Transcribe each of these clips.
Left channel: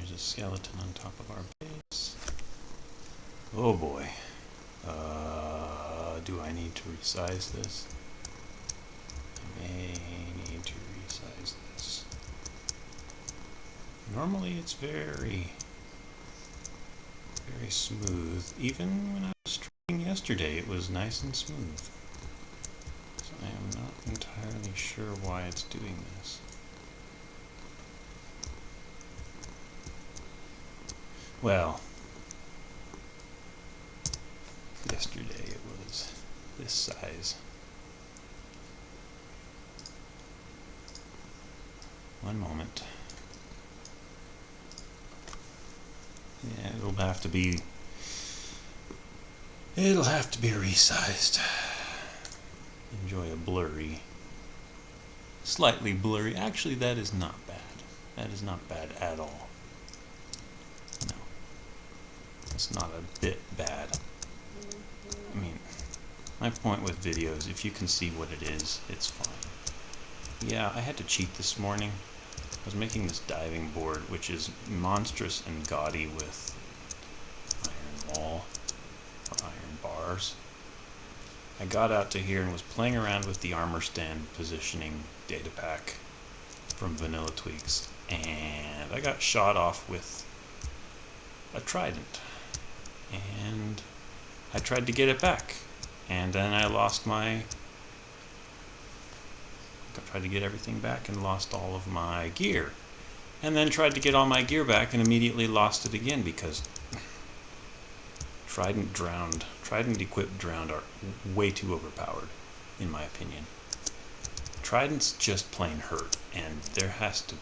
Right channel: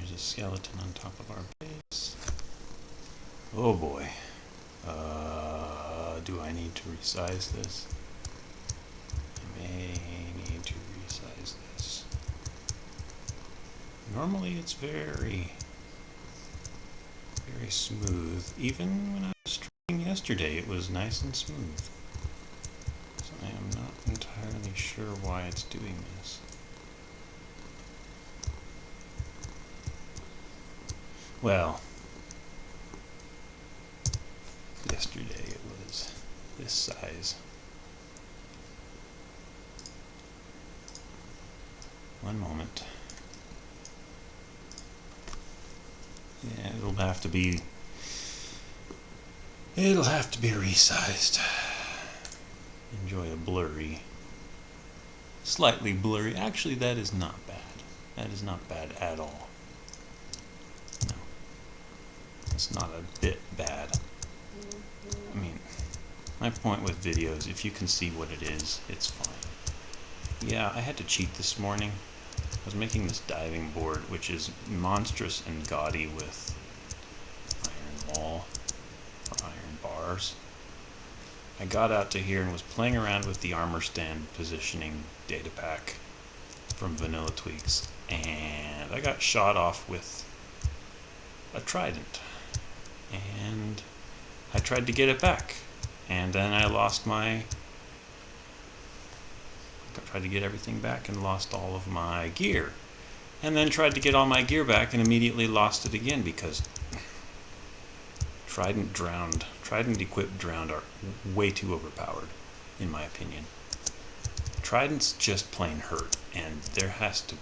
There's a skeleton on top of our base. Oh boy. Do I need to resize this? I may need to resize this. Normally it's very smooth. Even when I was streaming yesterday, it was nice and smooth. So I am not entirely sure why it's doing this. Well, yesterday it was this size. One moment. Yeah, it'll have to be resized. Enjoy a blurry, slightly blurry. Actually, that is not bad. That is not bad at all. No, it's not a bit bad. I mean, my point with videos, if you can see what it is, it's fine. Yeah, I had to cheat this morning. I was making this diving board, which is monstrous and gaudy with iron wall or iron bars. I got out to here and was playing around with the armor stand positioning data pack from Vanilla Tweaks, and I got shot off with a trident, and I tried to get it back, and then I tried to get everything back and lost all of my gear, and then tried to get all my gear back and immediately lost it again because trident equipped drowned are way too overpowered, in my opinion. Tridents just plain hurt, and there has to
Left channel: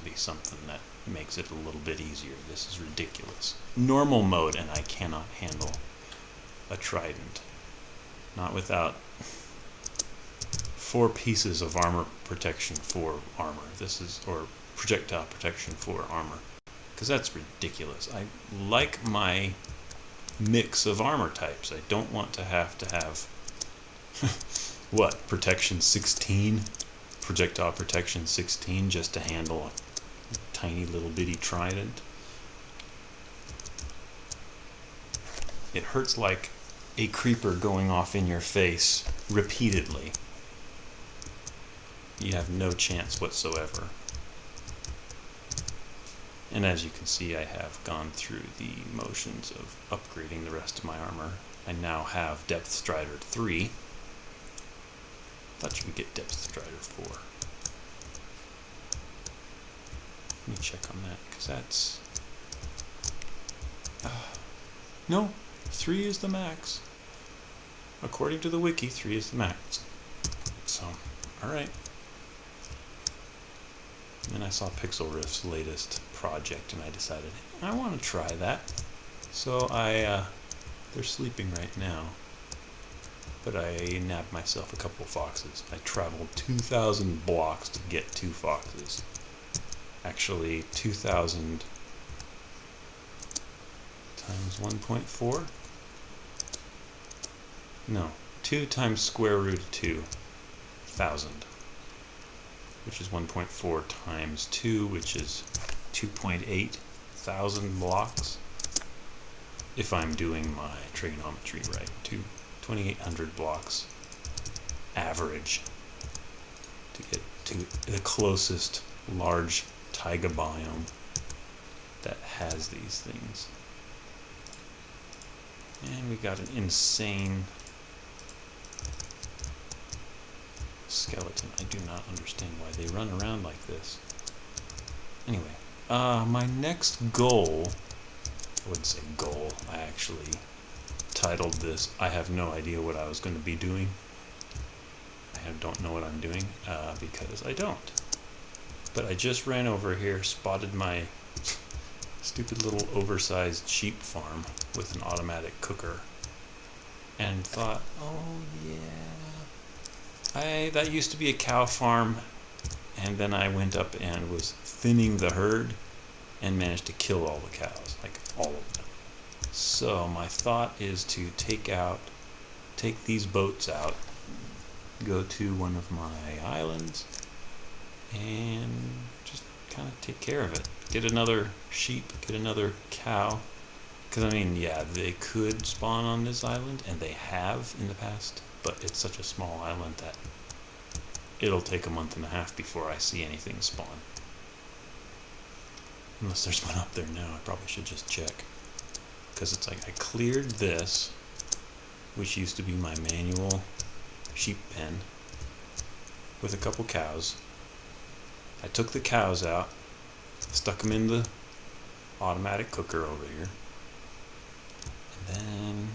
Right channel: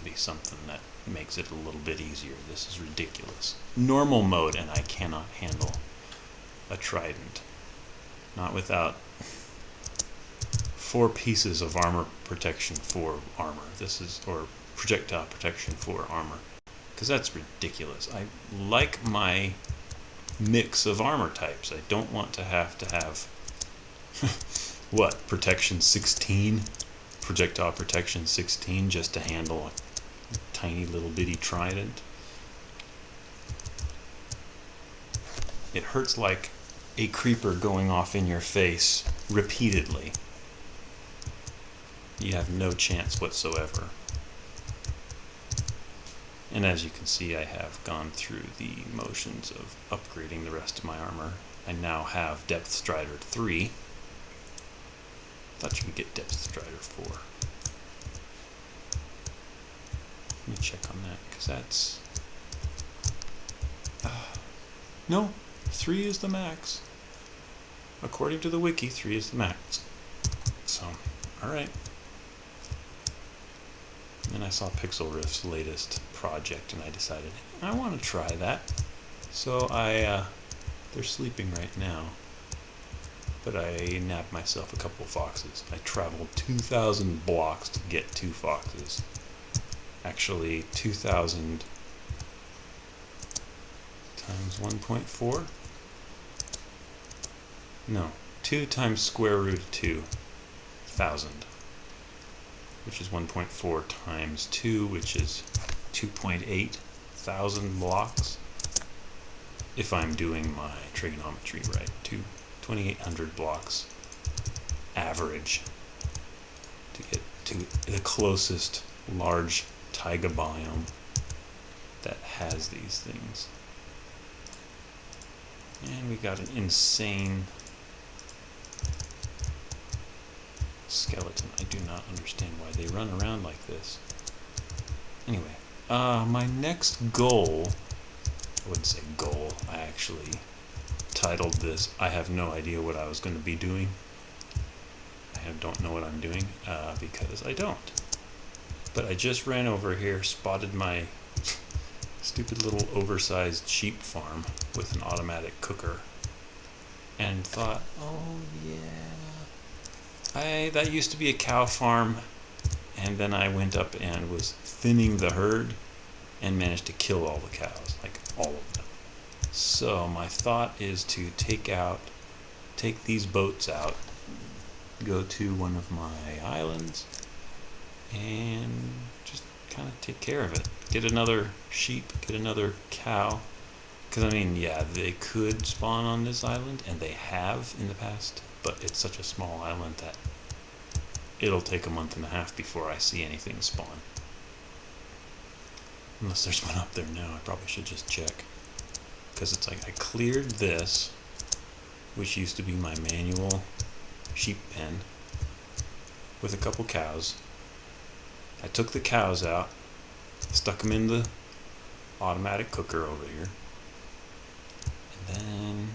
be something that makes it a little bit easier. This is ridiculous. Normal mode, and I cannot handle a trident, not without 4 pieces of armor protection for armor. Or projectile protection for armor, because that's ridiculous. I like my mix of armor types. I don't want to have what, protection 16, projectile protection 16, just to handle a tiny little bitty trident. It hurts like a creeper going off in your face repeatedly. You have no chance whatsoever. And as you can see, I have gone through the motions of upgrading the rest of my armor. I now have Depth Strider 3. Thought you could get Depth Strider 4. Let me check on that, because that's... no, 3 is the max. According to the wiki, 3 is the max. So, alright. Then I saw Pixel Rift's latest project, and I decided, I want to try that. So they're sleeping right now, but I nabbed myself a couple foxes. I traveled 2,000 blocks to get 2 foxes. Actually, 2,000 times 1.4? No, 2 times square root of 2,000. Which is 1.4 times 2, which is 2.8 thousand blocks. If I'm doing my trigonometry right, 2,800 blocks average to get to the closest large taiga biome that has these things. And we got an insane skeleton. I do not understand why they run around like this. Anyway, my next goal, I wouldn't say goal, I actually titled this, I have no idea what I was going to be doing. I don't know what I'm doing, because I don't. But I just ran over here, spotted my stupid little oversized sheep farm with an automatic cooker, and thought, oh yeah, that used to be a cow farm, and then I went up and was thinning the herd and managed to kill all the cows, like all of them. So my thought is to take these boats out, go to one of my islands, and just kind of take care of it. Get another sheep, get another cow. Because, I mean, yeah, they could spawn on this island, and they have in the past, but it's such a small island that it'll take a month and a half before I see anything spawn. Unless there's one up there now, I probably should just check. Because it's like I cleared this, which used to be my manual sheep pen, with a couple cows. I took the cows out, stuck them in the automatic cooker over here, and then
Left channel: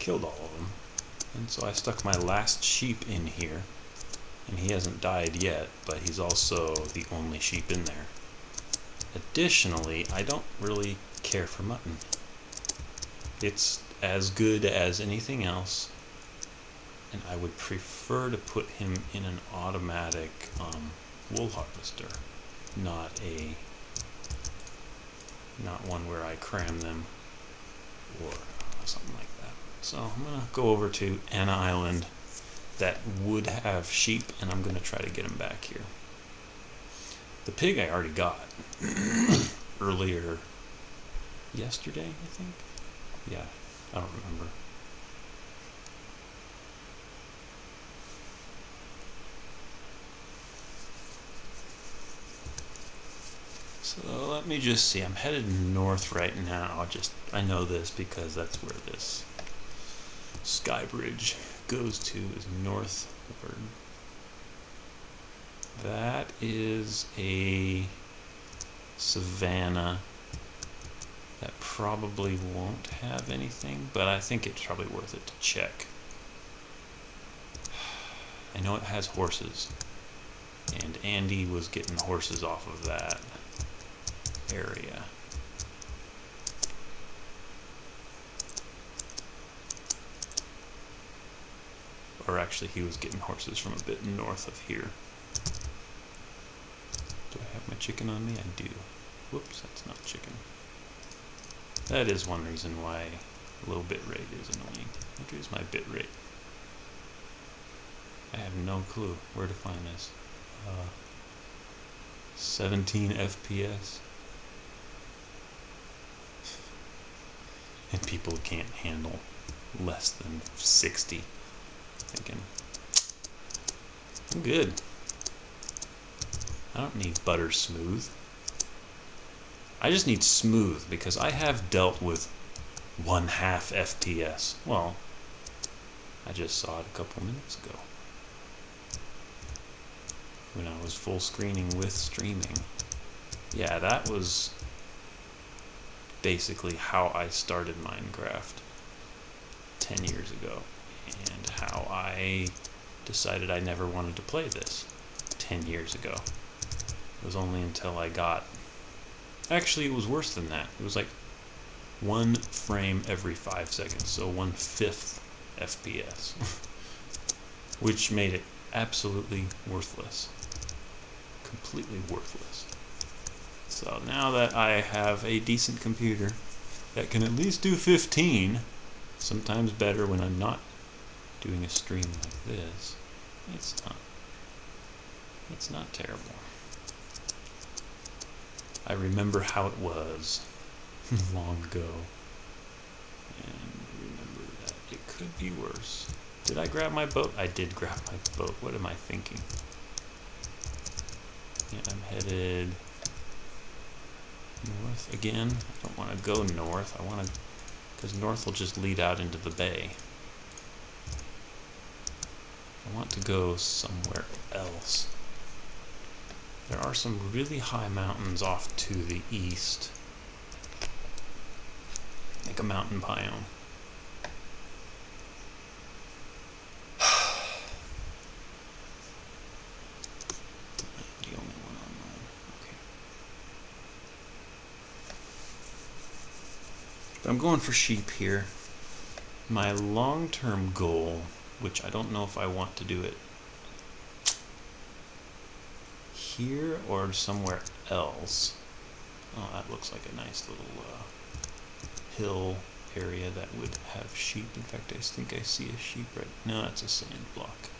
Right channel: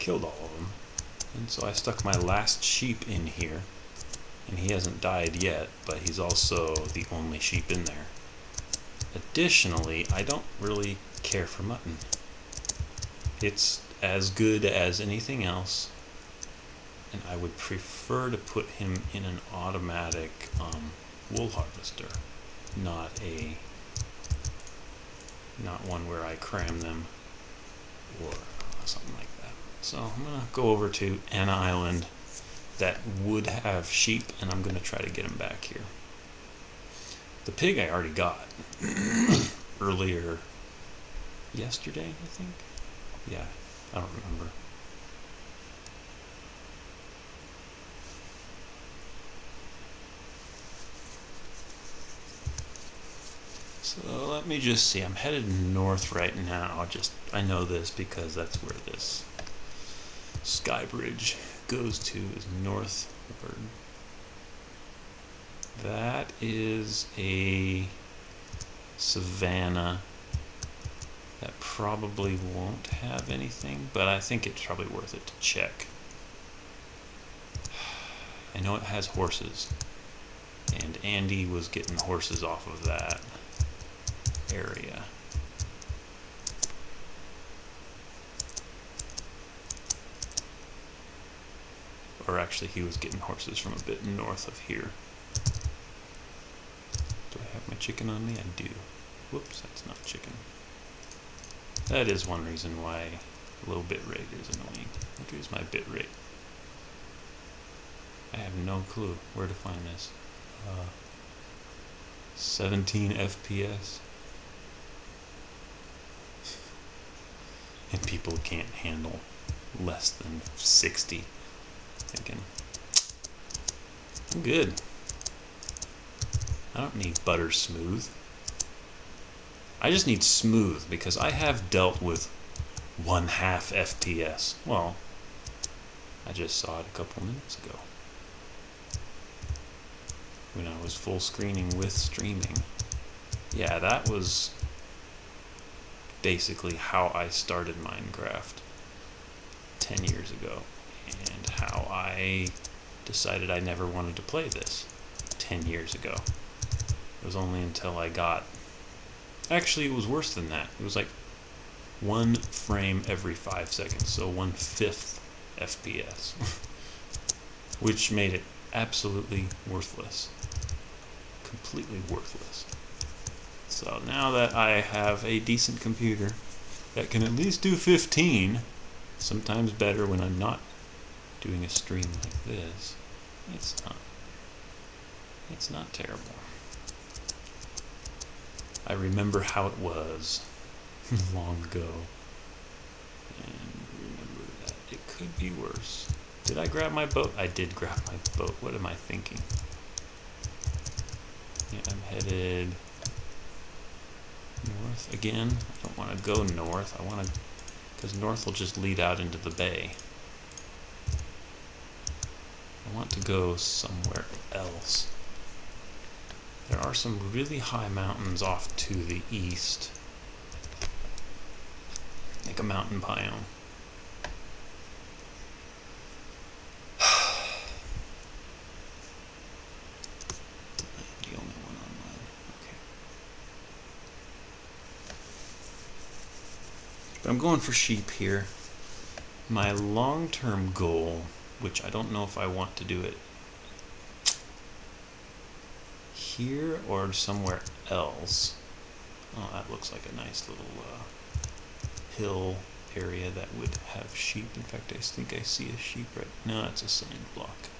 killed all of them. And so I stuck my last sheep in here, and he hasn't died yet, but he's also the only sheep in there. Additionally, I don't really care for mutton. It's as good as anything else, and I would prefer to put him in an automatic wool harvester, not one where I cram them or something like that. So I'm gonna go over to an island that would have sheep, and I'm gonna try to get them back here. The pig I already got earlier yesterday, I think. Yeah, I don't remember. So let me just see. I'm headed north right now. I know this because that's where this sky bridge goes to, is northward. That is a savanna that probably won't have anything, but I think it's probably worth it to check. I know it has horses, and Andy was getting horses off of that area. Or actually, he was getting horses from a bit north of here. Do I have my chicken on me? I do. Whoops, that's not chicken. That is one reason why low bit rate is annoying. What is my bit rate? I have no clue where to find this. 17 FPS. And people can't handle less than 60. Thinking, I'm good. I don't need butter smooth. I just need smooth because I have dealt with 1/2 FPS. Well, I just saw it a couple minutes ago when I was full screening with streaming. Yeah, that was basically how I started Minecraft 10 years ago, and how I decided I never wanted to play this 10 years ago. It was only until I got... Actually, it was worse than that. It was like 1 frame every 5 seconds, so 1/5 FPS, which made it absolutely worthless. Completely worthless. So now that I have a decent computer that can at least do 15, sometimes better when I'm not doing a stream like this, it's not terrible. I remember how it was long ago, and remember that it could be worse. Did I grab my boat? I did grab my boat. What am I thinking? Yeah, I'm headed north again. I don't want to go north. I want to, because north will just lead out into the bay. I want to go somewhere else. There are some really high mountains off to the east, like a mountain biome. The only one online. Okay. But I'm going for sheep here. My long-term goal, which I don't know if I want to do it here or somewhere else. Oh, that looks like a nice little hill area that would have sheep. In fact, I think I see a sheep right... No, it's a sand block.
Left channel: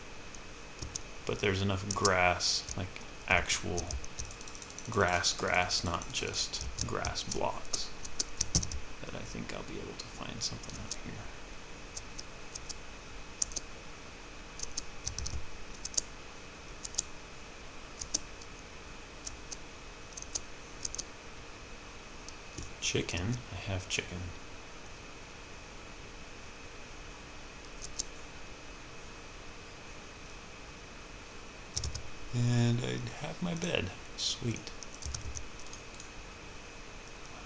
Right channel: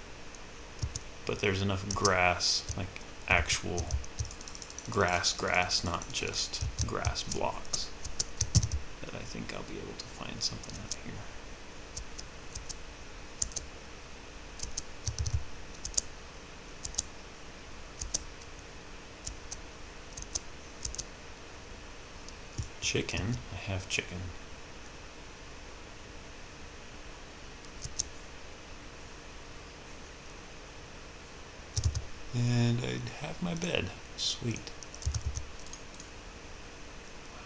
But there's enough grass, like actual grass, not just grass blocks, that I think I'll be able to find something out here. Chicken. I have chicken. And I'd have my bed. Sweet.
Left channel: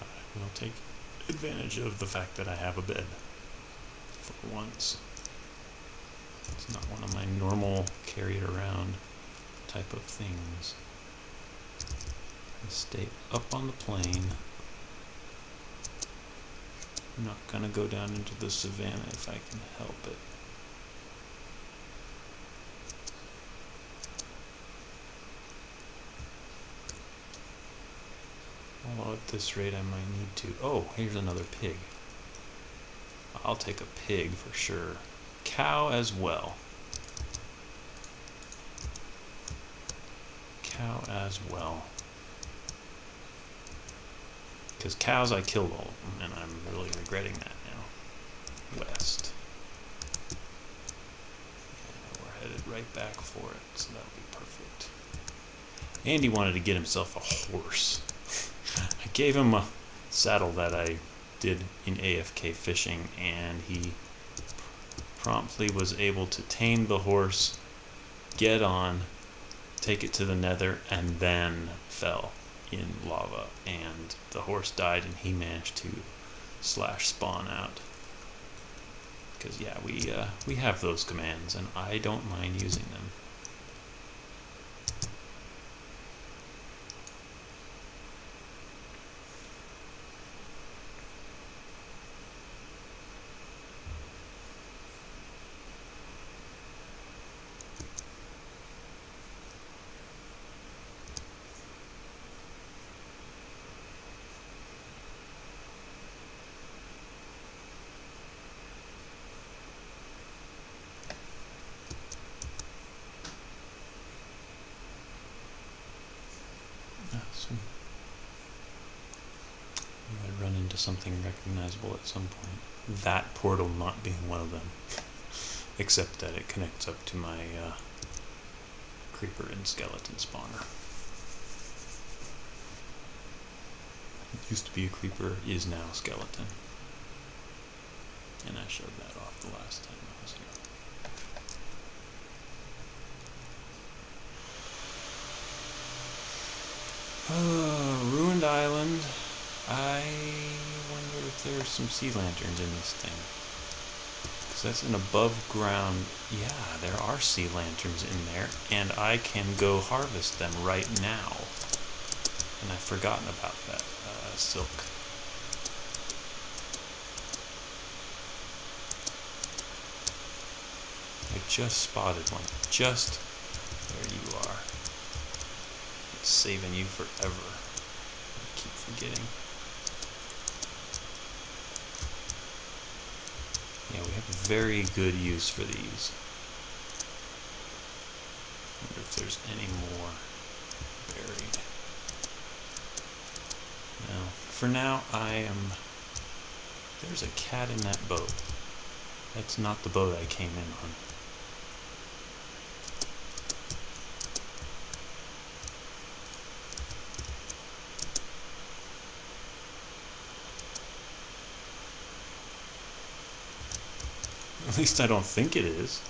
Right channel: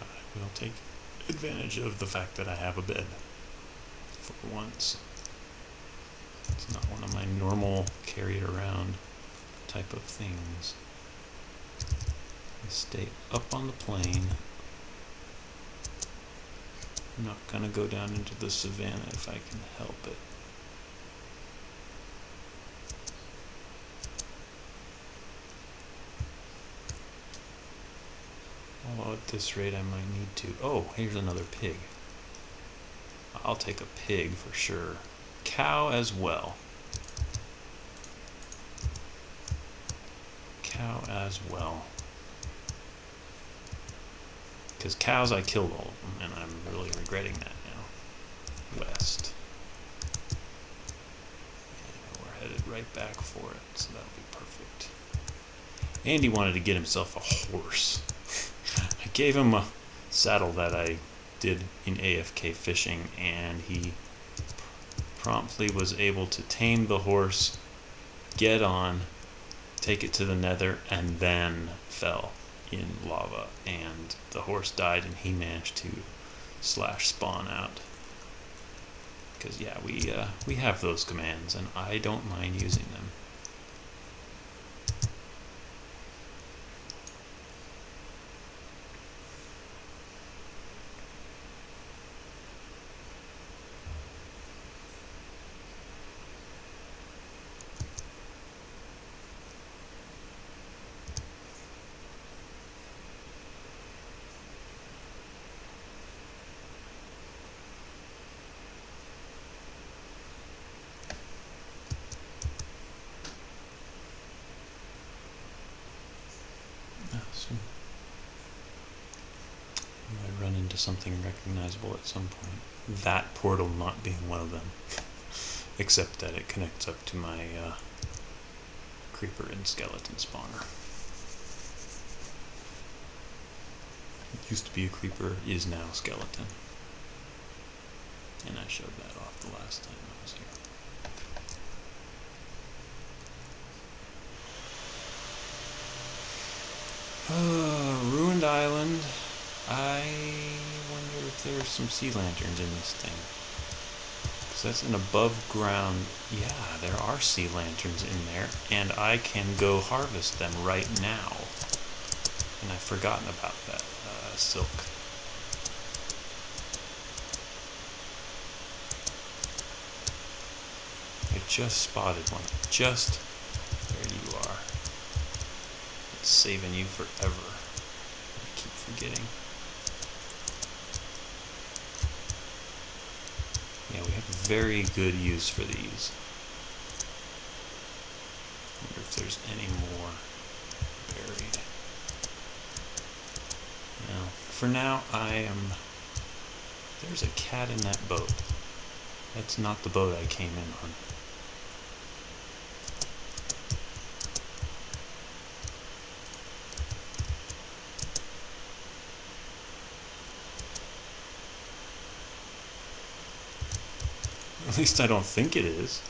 I will take advantage of the fact that I have a bed. For once. It's not one of my normal carry it around type of things. I stay up on the plane. I'm not gonna go down into the savannah if I can help it. Although at this rate I might need to. Oh, here's another pig. I'll take a pig for sure. Cow as well. Cow as well. Because cows, I killed all of them, and I'm really regretting that now. West. And we're headed right back for it, so that'll be perfect. Andy wanted to get himself a horse. I gave him a saddle that I did in AFK fishing, and he promptly was able to tame the horse, get on, take it to the nether, and then fell in lava, and the horse died, and he managed to /spawn out. Because yeah, we have those commands, and I don't mind using them. I might run into something recognizable at some point. That portal not being one of them. Except that it connects up to my creeper and skeleton spawner. It used to be a creeper, is now a skeleton. And I showed that off the last time I was here. Ruined island. I wonder if there's some sea lanterns in this thing. Because that's an above ground. Yeah, there are sea lanterns in there. And I can go harvest them right now. And I've forgotten about that silk. I just spotted one. Just there you are. It's saving you forever. I keep forgetting. Yeah, we have very good use for these. Wonder if there's any more buried. No. For now, there's a cat in that boat. That's not the boat I came in on. At least I don't think it is.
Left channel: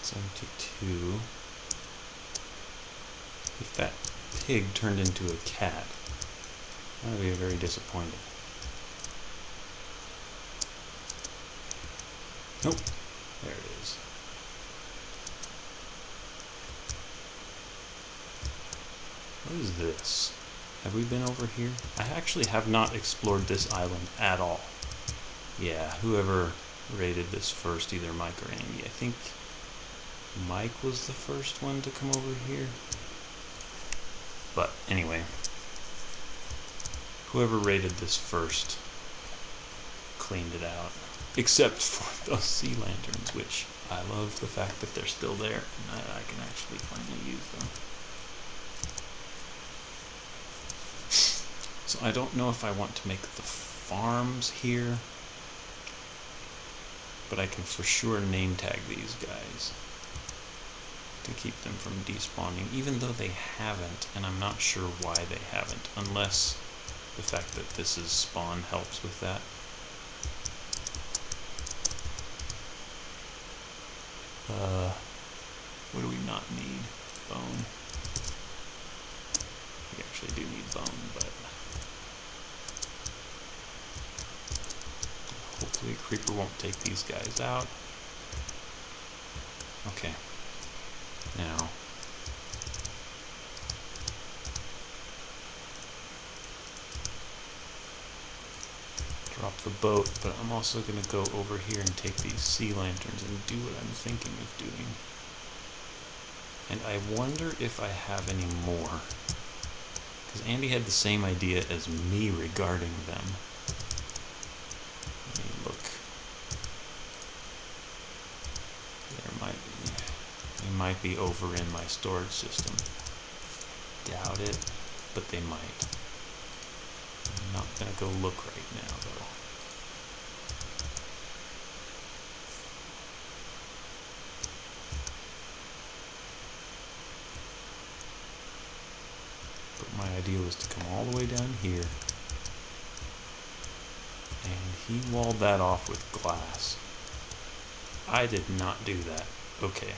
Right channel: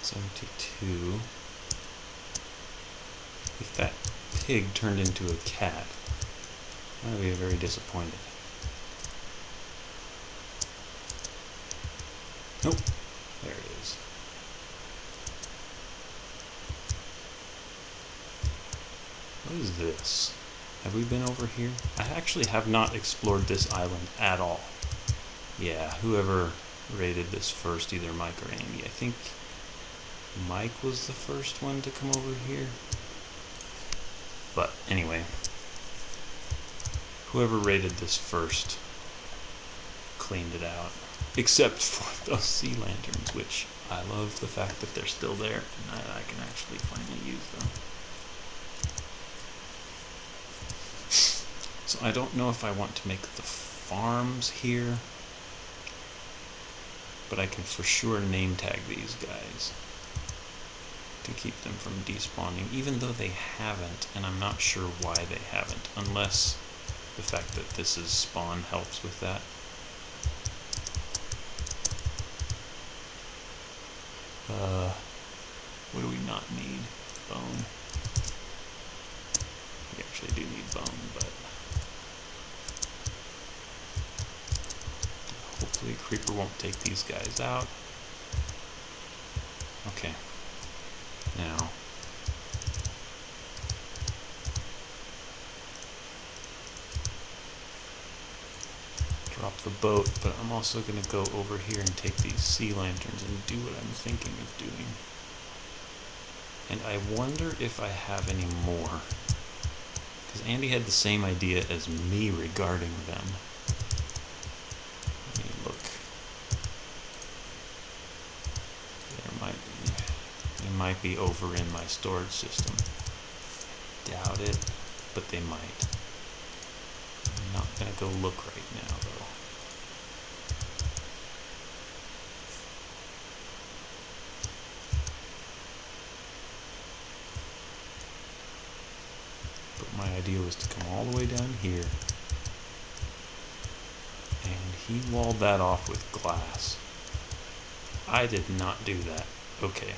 It's 72. If that pig turned into a cat, I would be very disappointed. Nope. There it is. What is this? Have we been over here? I actually have not explored this island at all. Yeah, whoever raided this first, either Mike or Andy. I think Mike was the first one to come over here. But anyway, whoever raided this first cleaned it out. Except for those sea lanterns, which I love the fact that they're still there and I can actually finally use them. So I don't know if I want to make the farms here, but I can for sure name tag these guys to keep them from despawning, even though they haven't, and I'm not sure why they haven't, unless the fact that this is spawn helps with that. What do we not need? Bone. We actually do need bone, but hopefully Creeper won't take these guys out. Okay. Now, drop the boat, but I'm also going to go over here and take these sea lanterns and do what I'm thinking of doing. And I wonder if I have any more, because Andy had the same idea as me regarding them. Let me look. They might be over in my storage system. Doubt it, but they might. I'm not gonna go look right now, though. But my idea was to come all the way down here, and he walled that off with glass. I did not do that. Okay.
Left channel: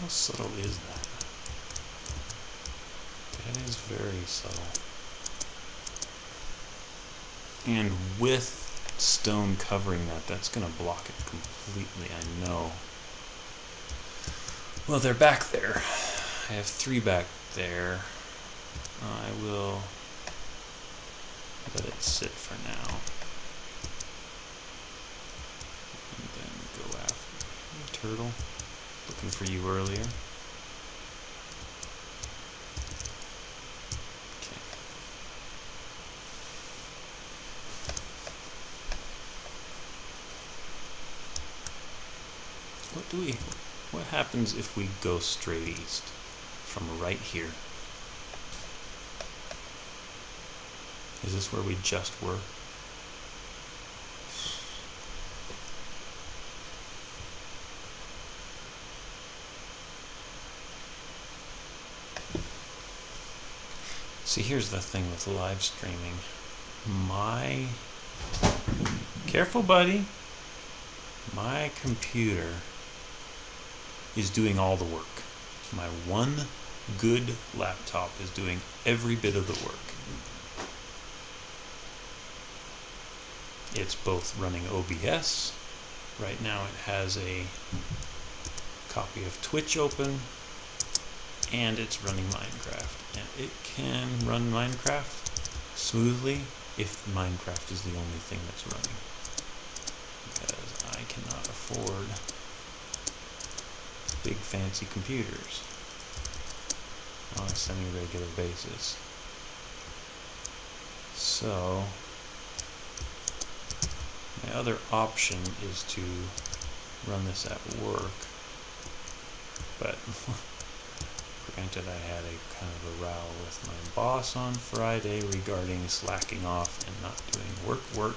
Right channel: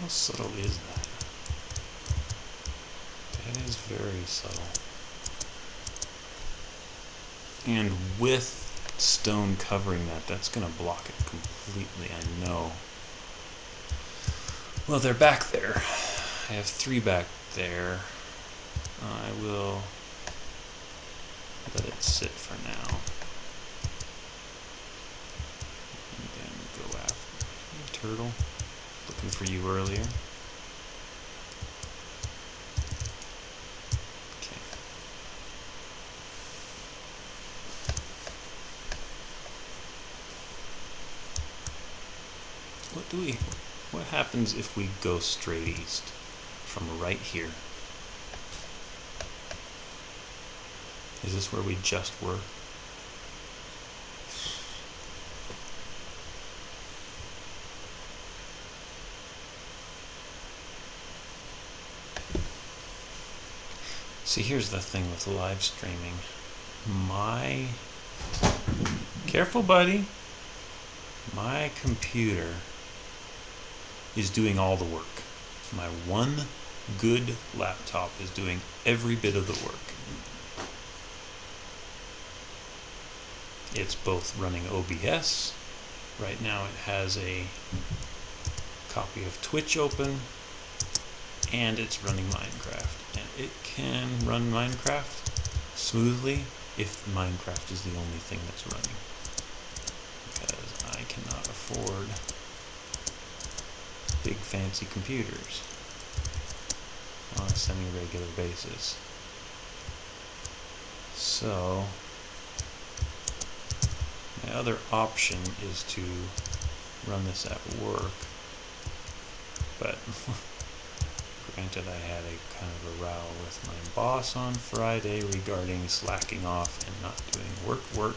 How subtle is that? That is very subtle. And with stone covering that, that's going to block it completely, I know. Well, they're back there. I have 3 back there. I will let it sit for now. And then go after hey, turtle. Looking for you earlier. Okay. What happens if we go straight east from right here? Is this where we just were? See, here's the thing with live streaming. Careful, buddy. My computer is doing all the work. My one good laptop is doing every bit of the work. It's both running OBS. Right now it has a copy of Twitch open, and it's running Minecraft. And it can run Minecraft smoothly if Minecraft is the only thing that's running. Because I cannot afford big fancy computers on a semi-regular basis. So my other option is to run this at work, but granted, I had a kind of a row with my boss on Friday regarding slacking off and not doing work.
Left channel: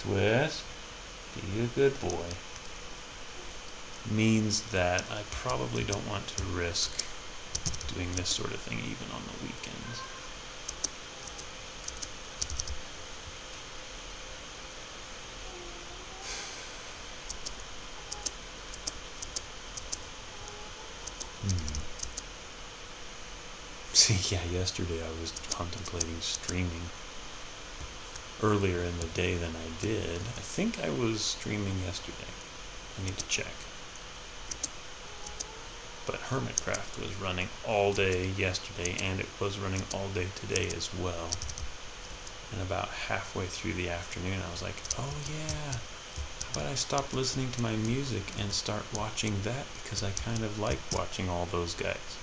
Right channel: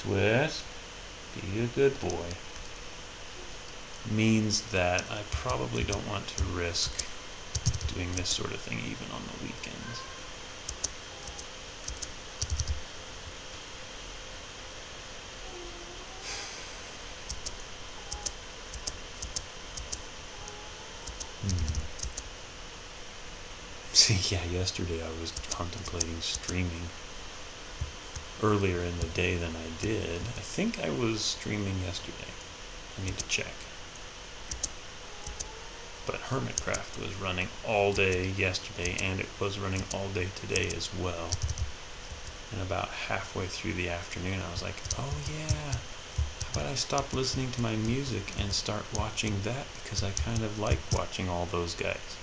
Twist, be a good boy. Means that I probably don't want to risk doing this sort of thing even on the weekends. See, yeah, yesterday I was contemplating streaming earlier in the day than I did. I think I was streaming yesterday. I need to check. But Hermitcraft was running all day yesterday, and it was running all day today as well. And about halfway through the afternoon, I was like, oh yeah, how about I stop listening to my music and start watching that, because I kind of like watching all those guys.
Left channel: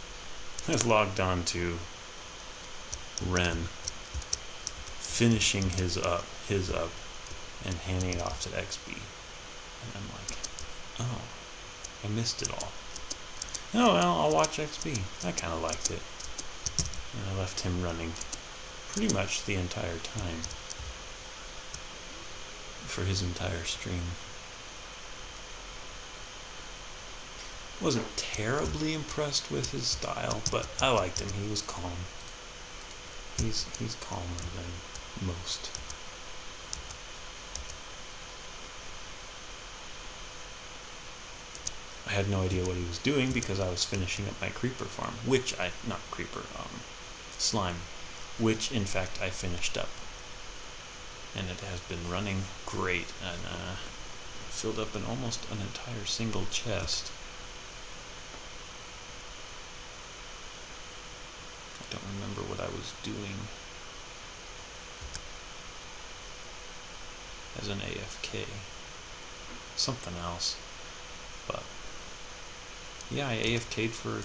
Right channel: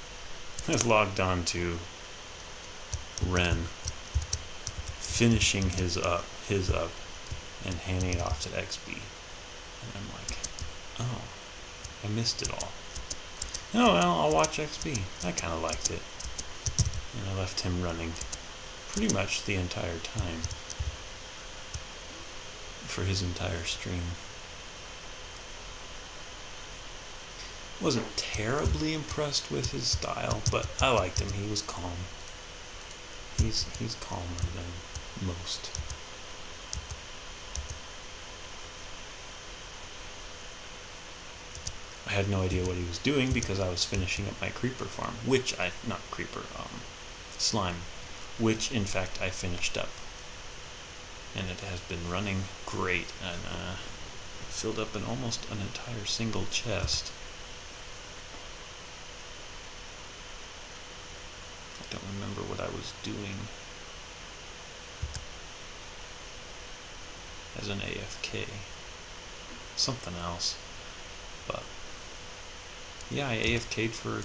I logged on to Ren, finishing his up, and handing it off to XB. And I'm like, oh, I missed it all. Oh, well, I'll watch XB. I kind of liked it. And I left him running pretty much the entire time for his entire stream. Wasn't terribly impressed with his style, but I liked him. He was calm. He's calmer than most. I had no idea what he was doing because I was finishing up my creeper farm, slime, which in fact I finished up. And it has been running great, and filled up almost an entire single chest. I don't remember what I was doing as an AFK. Something else. But yeah, I AFK'd for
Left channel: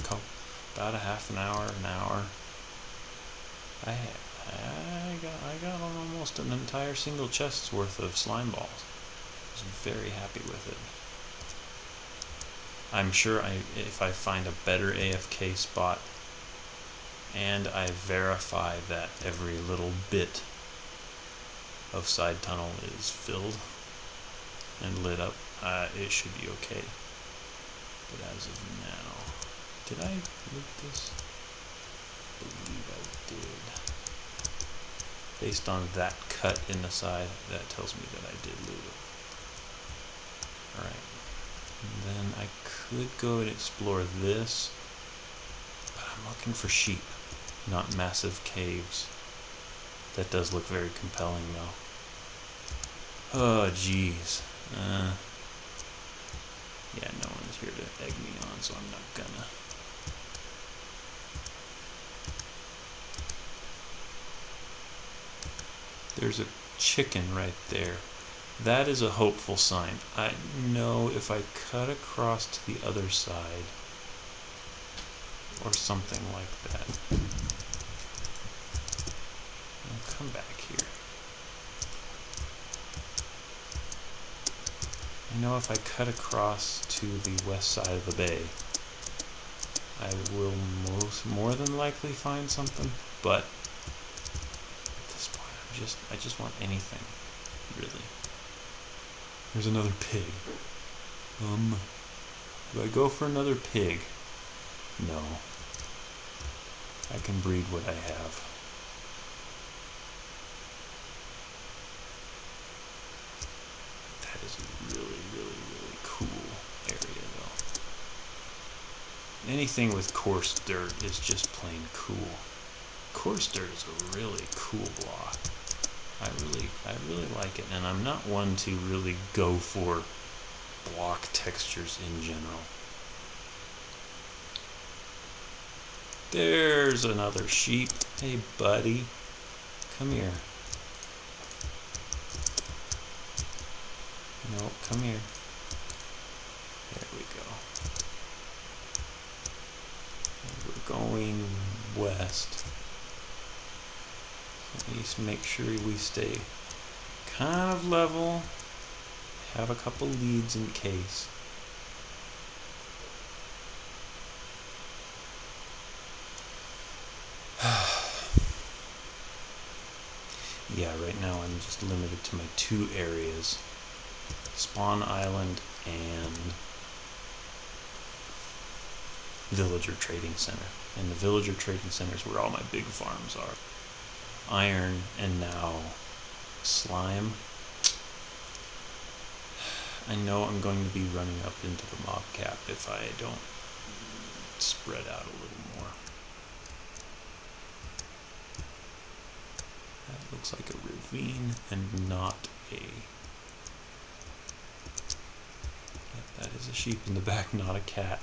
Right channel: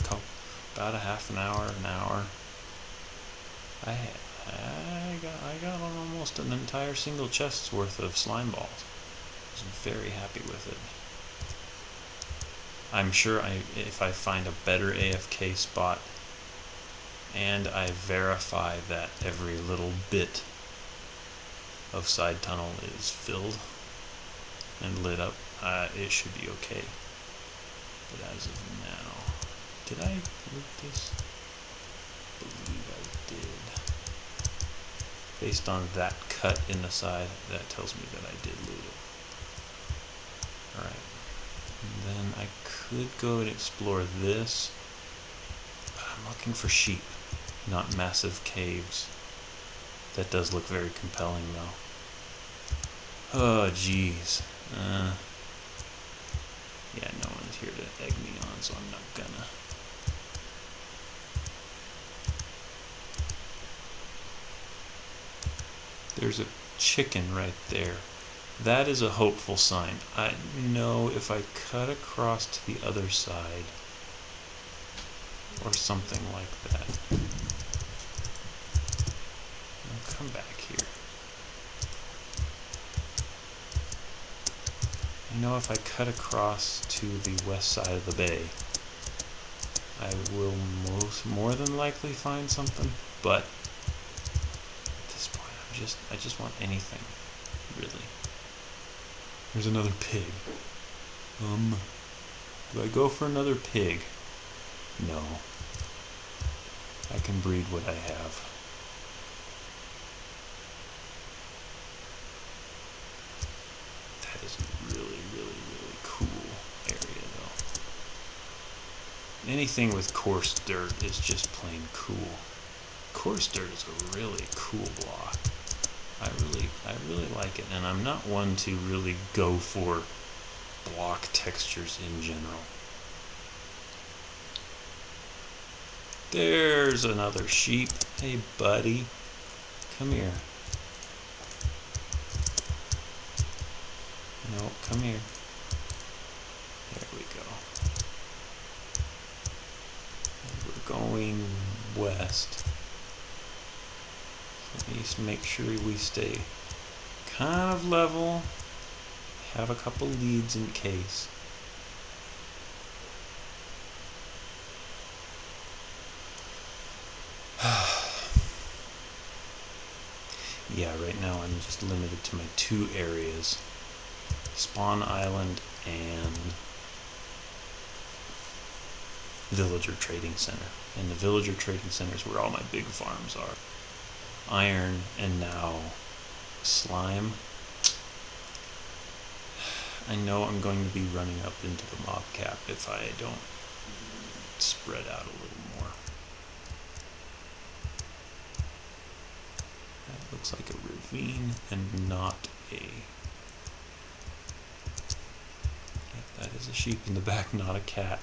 about a half an hour, I got almost an entire single chest's worth of slime balls. I was very happy with it. I'm sure if I find a better AFK spot and I verify that every little bit of side tunnel is filled and lit up, it should be okay. But as of now, did I loot this? I believe I did. Based on that cut in the side, that tells me that I did loot it. Alright. Then I could go and explore this, but I'm looking for sheep, not massive caves. That does look very compelling though. Oh jeez. Yeah, no one's here to egg me on, so I'm not gonna. There's a chicken right there. That is a hopeful sign. I know if I cut across to the other side, or something like that. I'll come back here. I know if I cut across to the west side of the bay, I will more than likely find something, but at this point I just want anything, really. There's another pig. Do I go for another pig? No. I can breed what I have. That is a really, really, really cool area, though. Anything with coarse dirt is just plain cool. Coarse dirt is a really cool block. I really like it, and I'm not one to really go for block textures in general. There's another sheep. Hey, buddy. Come here. No, come here. There we go. And we're going west. So at least make sure we stay kind of level. Have a couple leads in case. Yeah, right now I'm just limited to my 2 areas. Spawn Island and Villager Trading Center. And the Villager Trading Center is where all my big farms are. Iron and now slime. I know I'm going to be running up into the mob cap if I don't spread out a little more. That looks like a ravine and not a... Yeah, that is a sheep in the back, not a cat.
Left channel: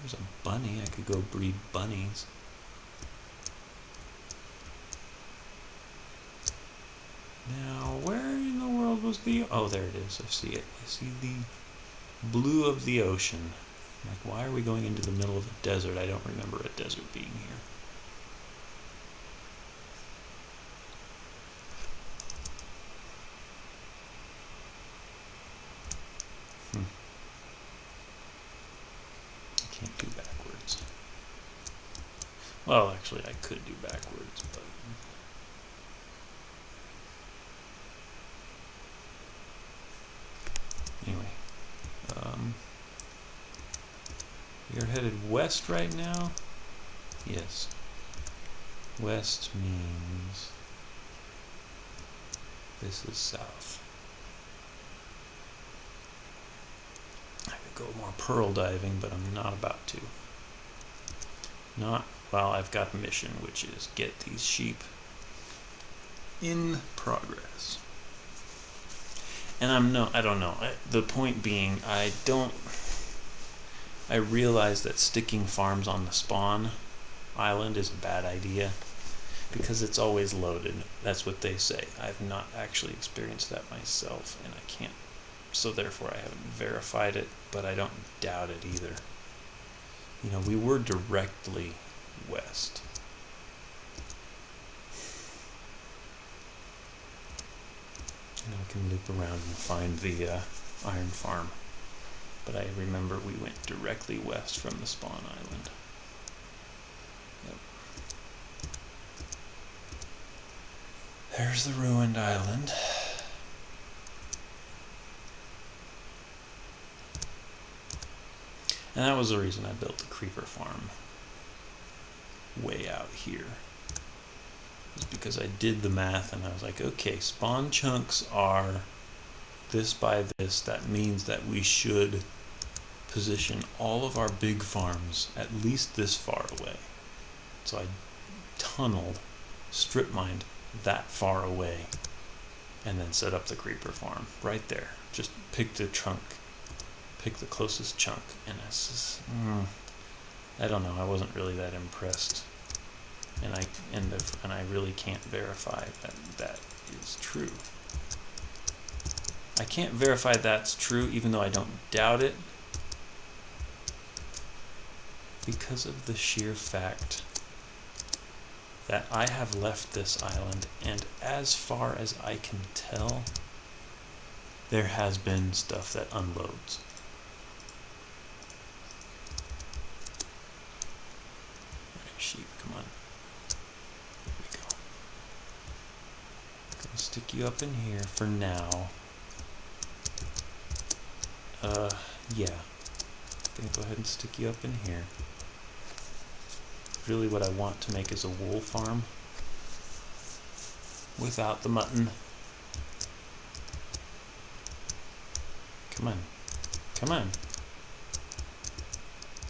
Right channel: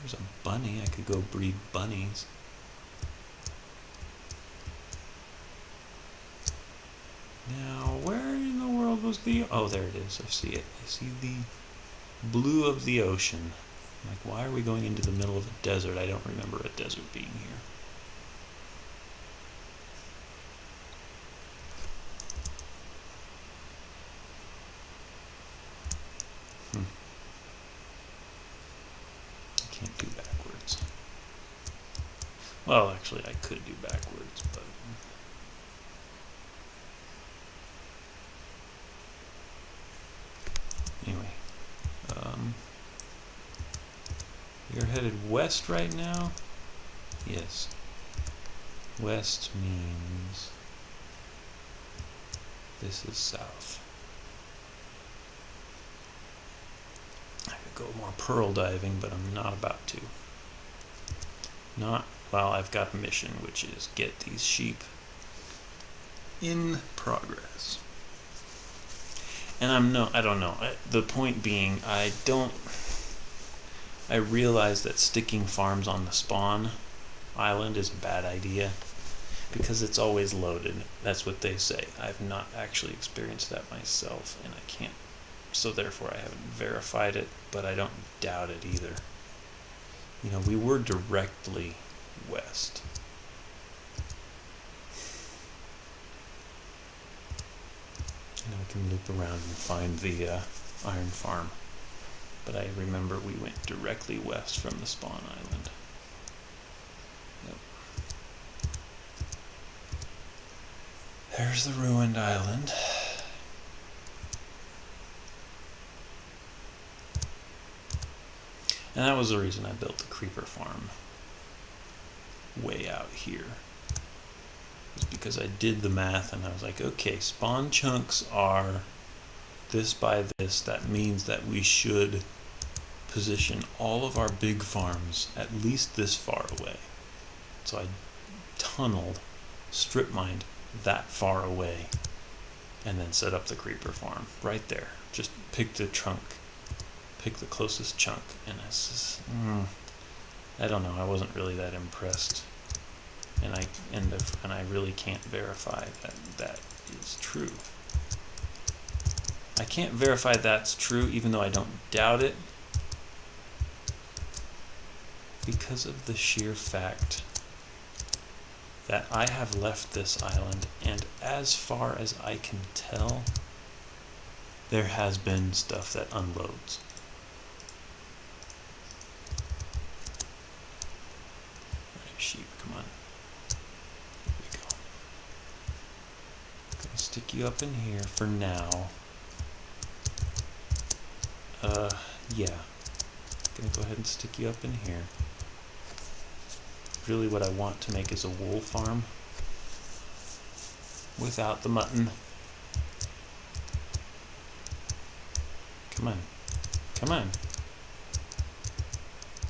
There's a bunny. I could go breed bunnies. Now, where in the world was the... Oh, there it is. I see it. I see the blue of the ocean. Like, why are we going into the middle of a desert? I don't remember a desert being here. I can't do backwards. Well, actually, I could do backwards, but... Anyway. You're headed west right now? Yes. West means this is south. I could go more pearl diving, but I'm not about to. Not while I've got a mission, which is get these sheep in progress. And I don't know. The point being, I realize that sticking farms on the spawn island is a bad idea because it's always loaded. That's what they say. I've not actually experienced that myself, and I can't. So therefore, I haven't verified it, but I don't doubt it either. You know, we were directly west. And we can loop around and find the iron farm. But I remember we went directly west from the spawn island. Yep. There's the ruined island. And that was the reason I built the creeper farm way out here. It's because I did the math and I was like, okay, spawn chunks are this by this. That means that we should position all of our big farms at least this far away. So I tunneled, strip mined that far away, and then set up the creeper farm right there. Just pick the chunk, pick the closest chunk, and it's just, I don't know. I wasn't really that impressed, and I really can't verify that that is true. I can't verify that's true, even though I don't doubt it, because of the sheer fact that I have left this island, and as far as I can tell, there has been stuff that unloads. Alright, sheep, come on. Here we go. stick you up in here for now. Yeah. Gonna go ahead and stick you up in here. Really what I want to make is a wool farm without the mutton. Come on. Come on.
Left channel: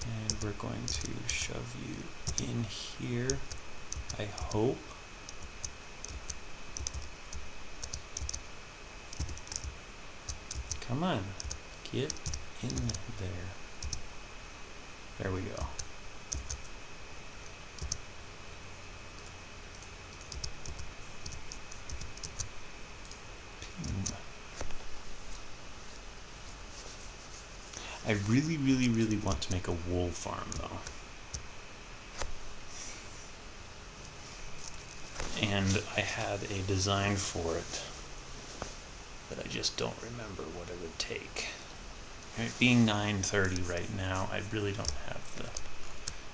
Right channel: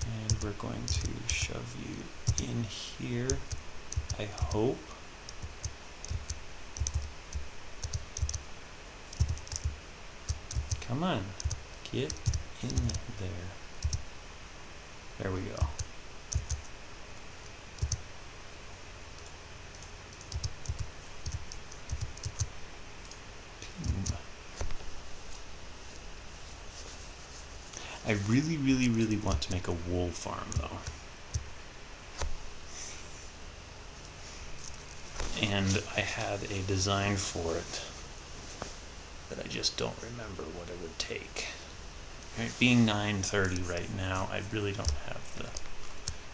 And we're going to shove you in here, I hope. Come on. Get in there. There we go. I really, really, really want to make a wool farm, though. And I had a design for it that I just don't remember what it would take. Right, being 9:30 right now, I really don't have the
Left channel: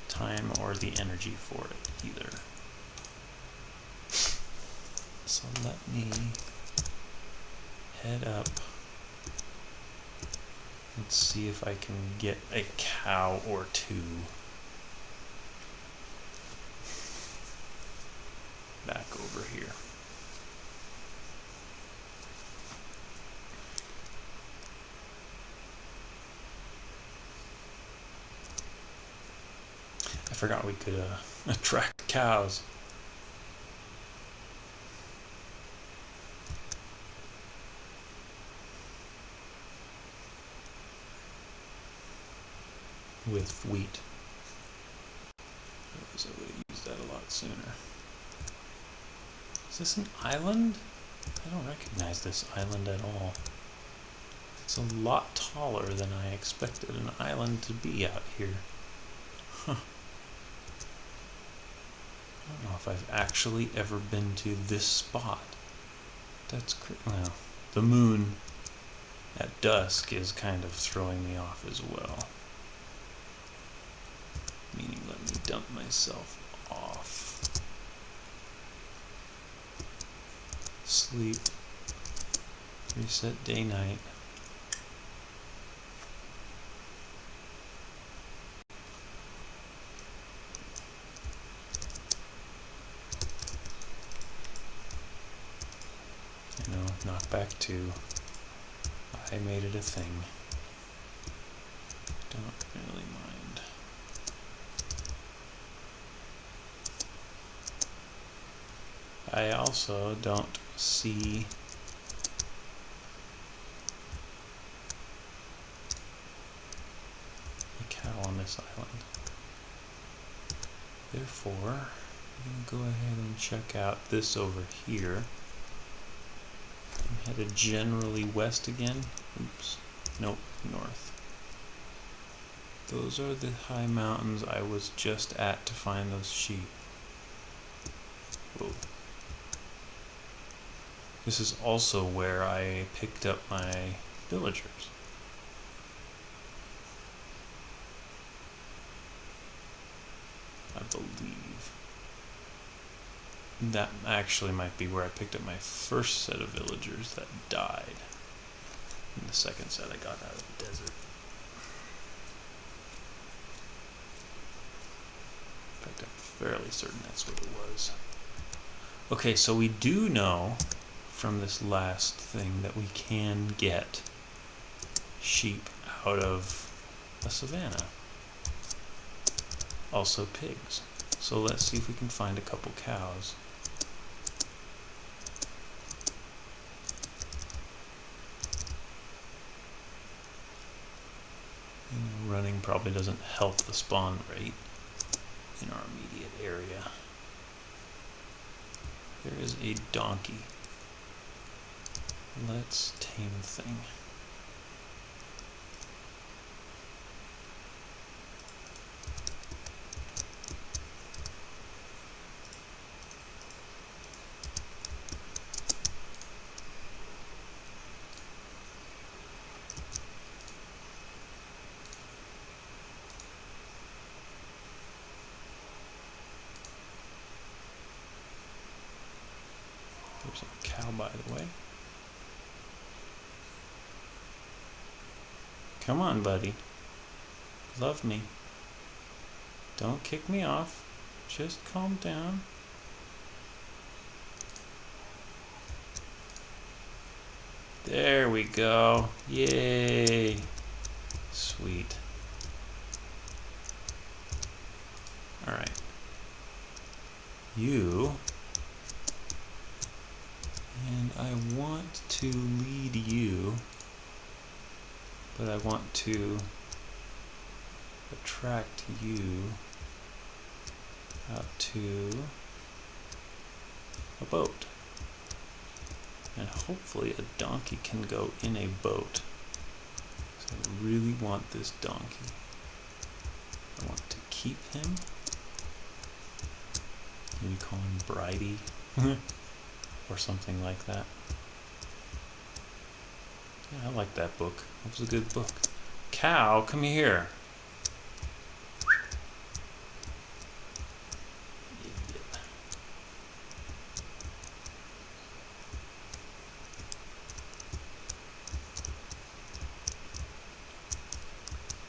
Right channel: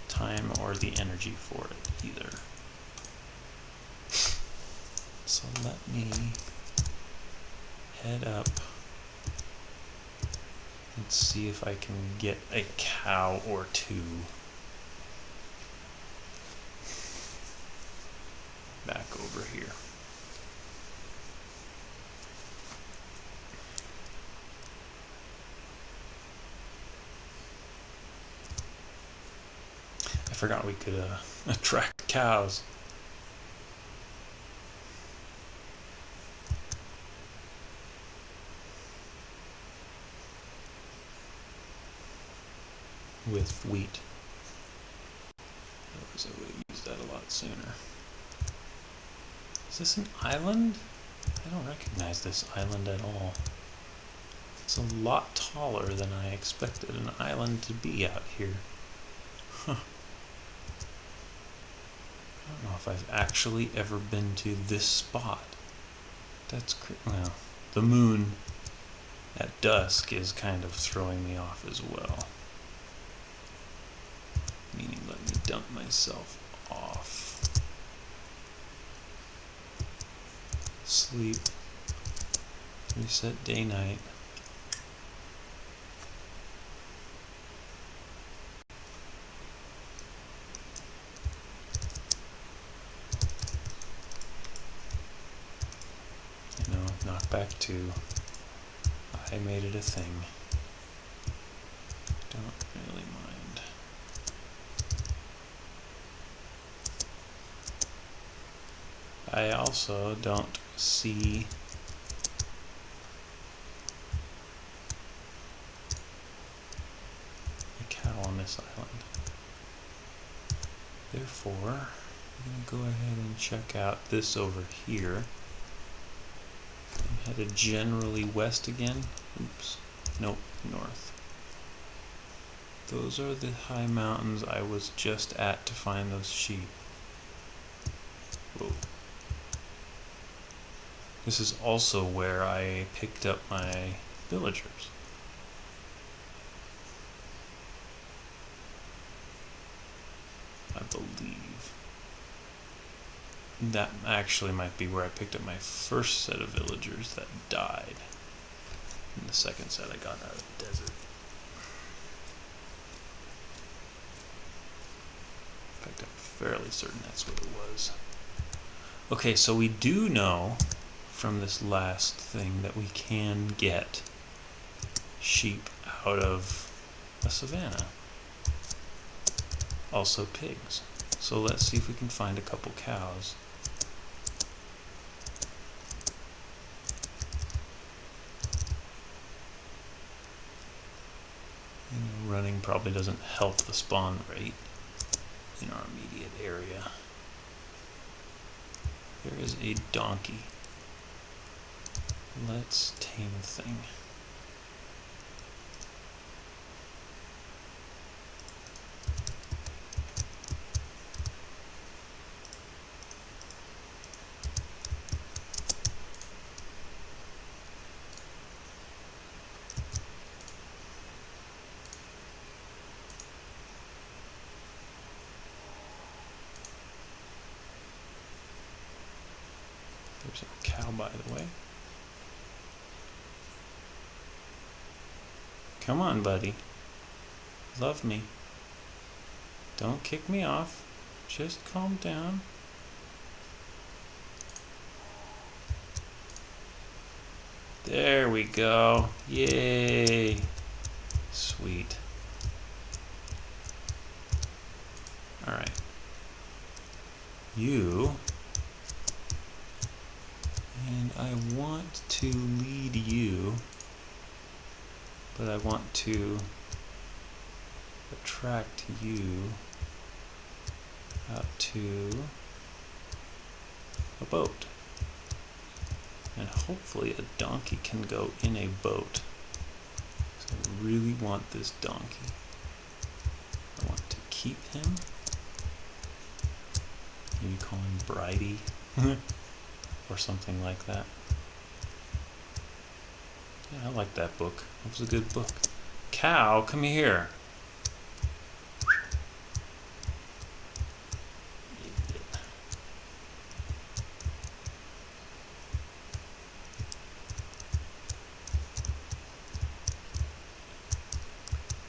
time or the energy for it either. So let me head up and see if I can get a cow or two back over here. I forgot we could attract cows. With wheat. Otherwise I would have used that a lot sooner. Is this an island? I don't recognize this island at all. It's a lot taller than I expected an island to be out here. Huh. I don't know if I've actually ever been to this spot. That's well, the moon at dusk is kind of throwing me off as well. Meaning, let me dump myself off. Sleep. Reset day night. You know, knockback 2. I made it a thing. Don't really mind. I also don't see a cow on this island. Therefore, I'm going to go ahead and check out this over here. I'm headed generally west again. Oops. Nope, north. Those are the high mountains I was just at to find those sheep. Whoa. This is also where I picked up my villagers. I believe. That actually might be where I picked up my first set of villagers that died. And the second set I got out of the desert. In fact, I'm fairly certain that's what it was. Okay, so we do know from this last thing that we can get sheep out of a savanna. Also pigs. So let's see if we can find a couple cows. You know, running probably doesn't help the spawn rate in our immediate area. There is a donkey. Let's tame the thing. There's our cow, by the way. Come on, buddy. Love me. Don't kick me off. Just calm down. There we go. Yay. Sweet. Alright. You. And I want to lead you, but I want to attract you out to a boat. And hopefully a donkey can go in a boat. So I really want this donkey. I want to keep him. Maybe call him Bridie or something like that. Yeah, I like that book. It was a good book. Cow, come here.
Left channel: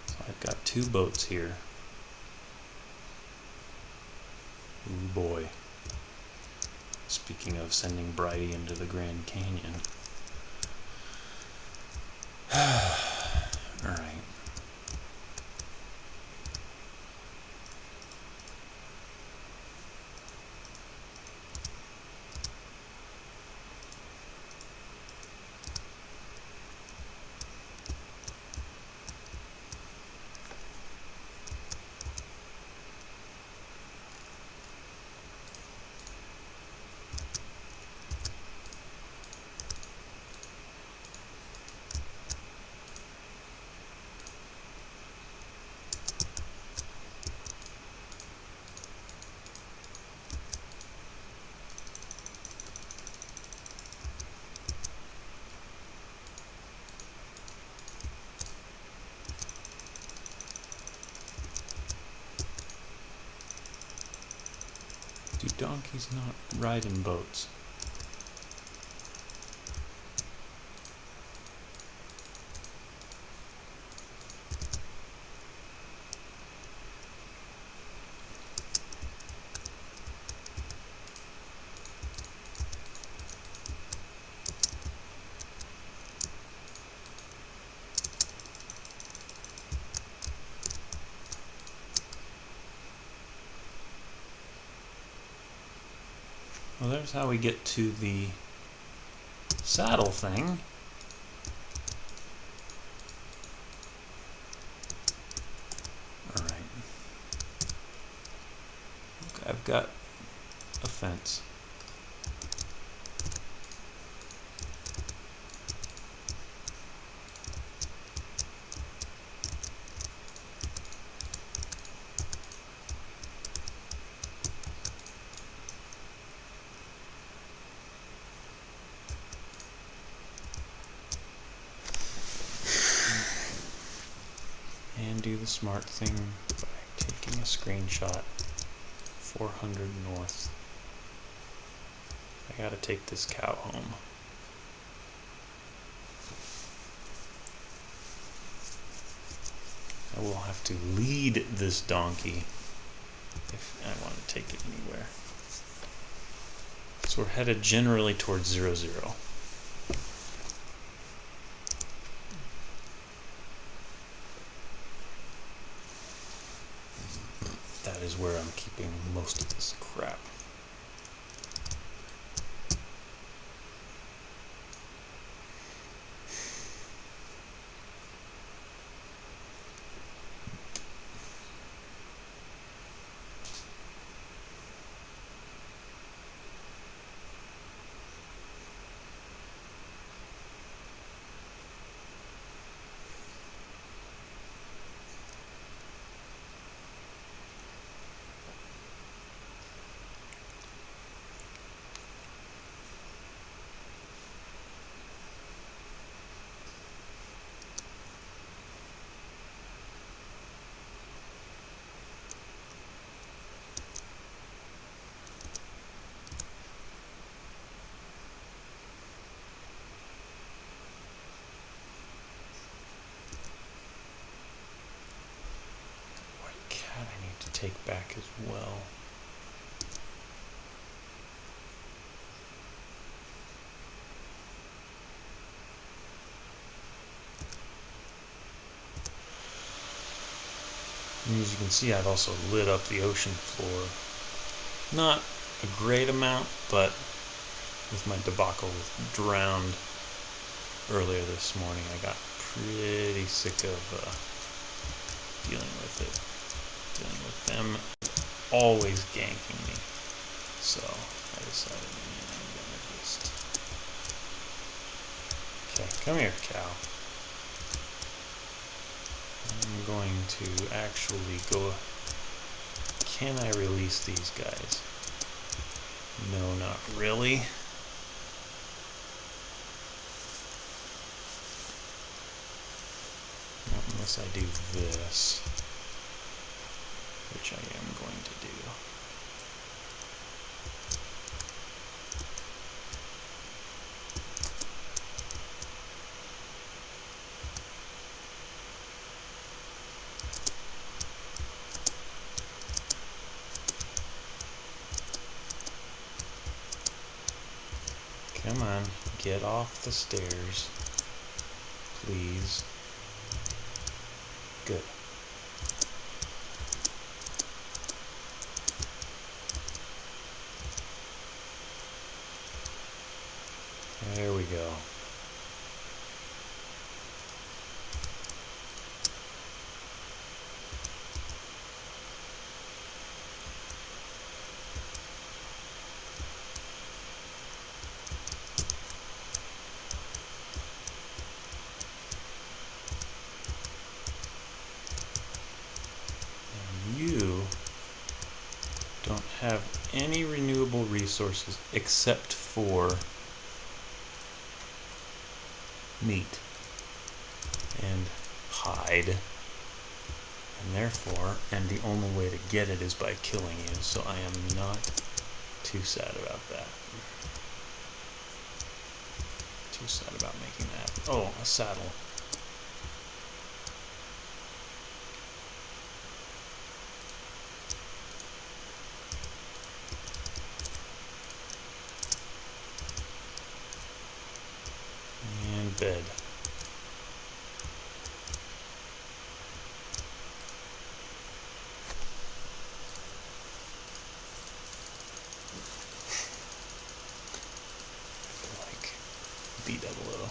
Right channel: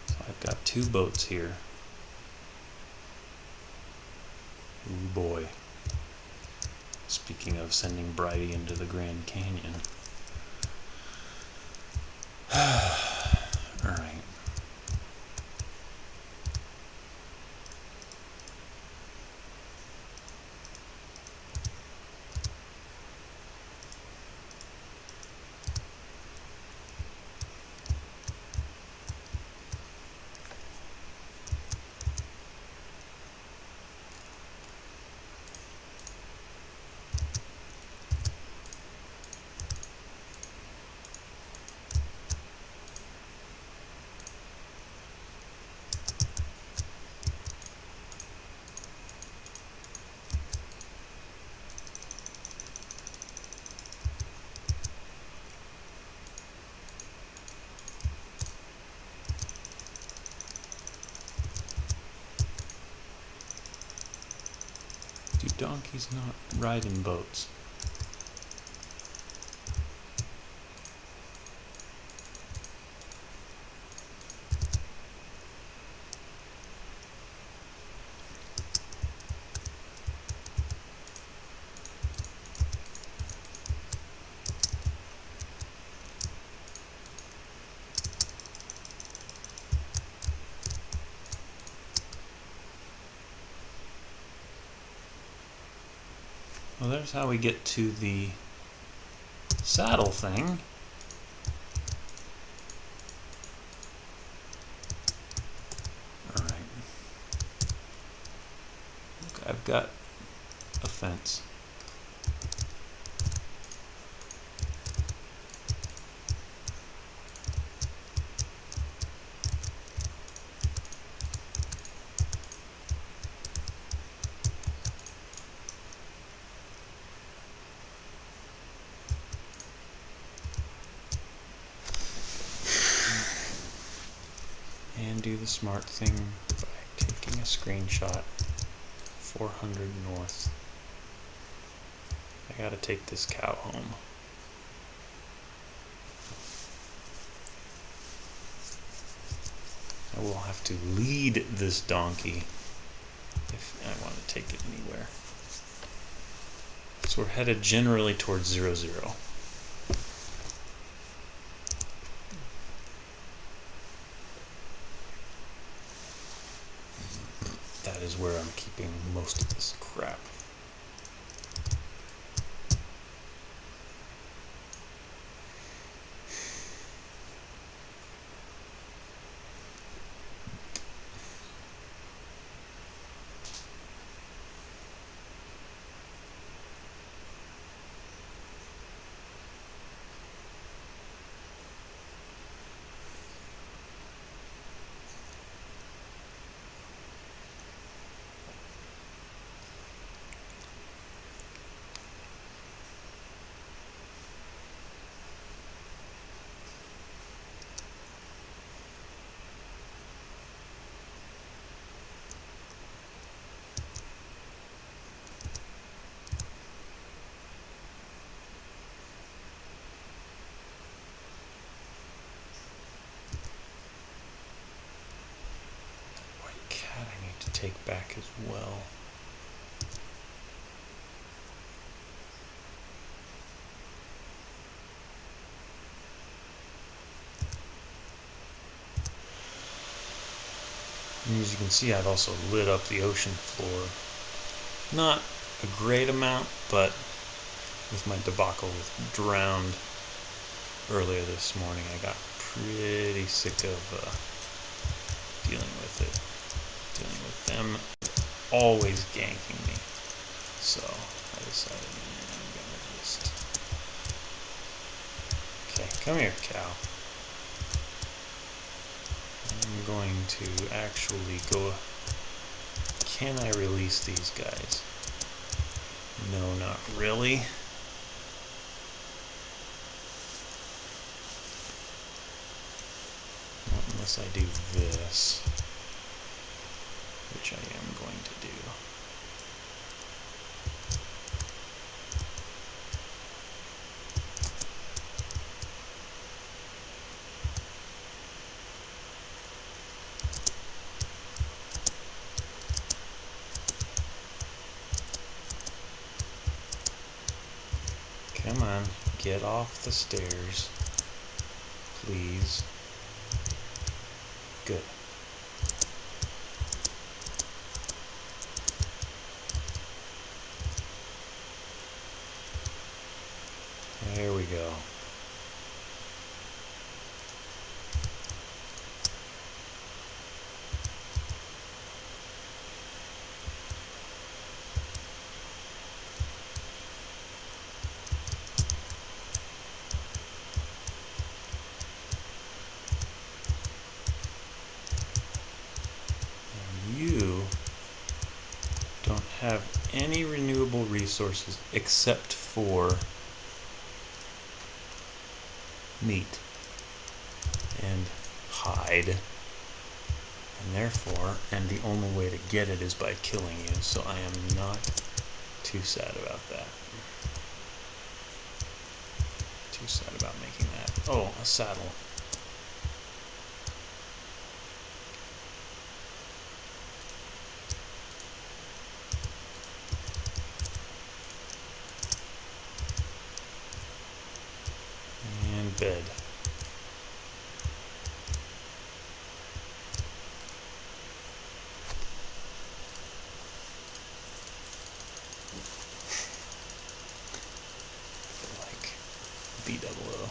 So I've got 2 boats here. Ooh boy. Speaking of sending Bridie into the Grand Canyon. Alright. Do donkeys not ride in boats? Well, there's how we get to the saddle thing. Alright. Look, I've got a fence. And do the smart thing by taking a screenshot. 400 north. I gotta take this cow home. I will have to lead this donkey if I want to take it anywhere. So we're headed generally towards 0, 0. That is where I'm keeping most of this crap. take back as well. And as you can see, I've also lit up the ocean floor. Not a great amount, but with my debacle with Drowned earlier this morning, I got pretty sick of dealing with it. Dealing with them always ganking me. So I decided, I'm gonna just... Okay, come here, cow. I'm going to actually go... Can I release these guys? No, not really. Not unless I do this, which I am going to do. Come on, get off the stairs, please. Good. There we go. You don't have any renewable resources except for meat and hide, and therefore, and the only way to get it is by killing you, so I am not too sad about that. Too sad about making that. Oh, a saddle. And bed. Like B-double-O.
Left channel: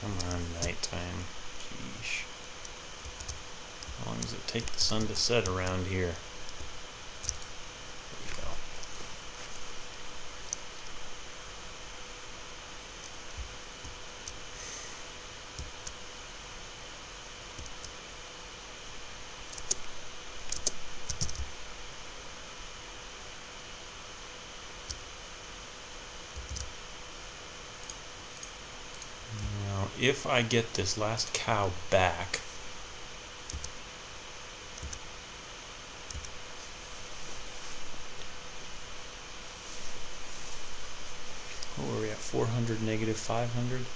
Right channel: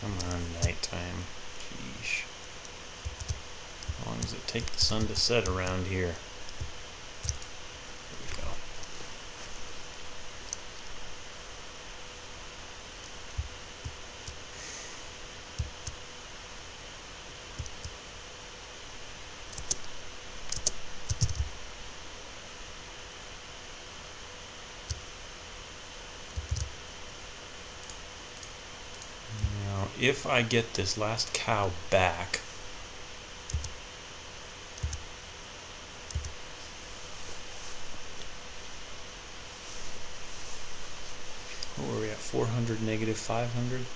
Come on, nighttime. Sheesh. How long does it take the sun to set around here? There we go. Now, if I get this last cow back, what were we at? 400, negative 500?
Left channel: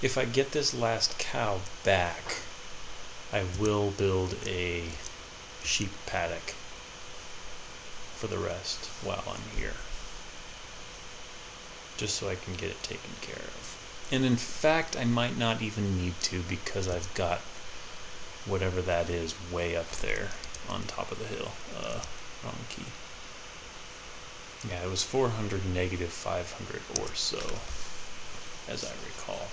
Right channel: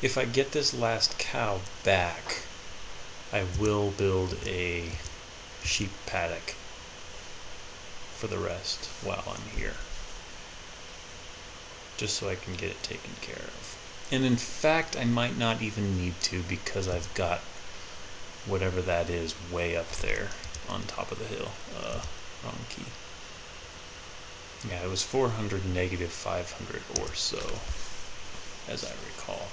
If I get this last cow back, I will build a sheep paddock for the rest while I'm here, just so I can get it taken care of. And in fact, I might not even need to, because I've got whatever that is way up there on top of the hill. Wrong key. Yeah, it was 400, negative 500 or so, as I recall.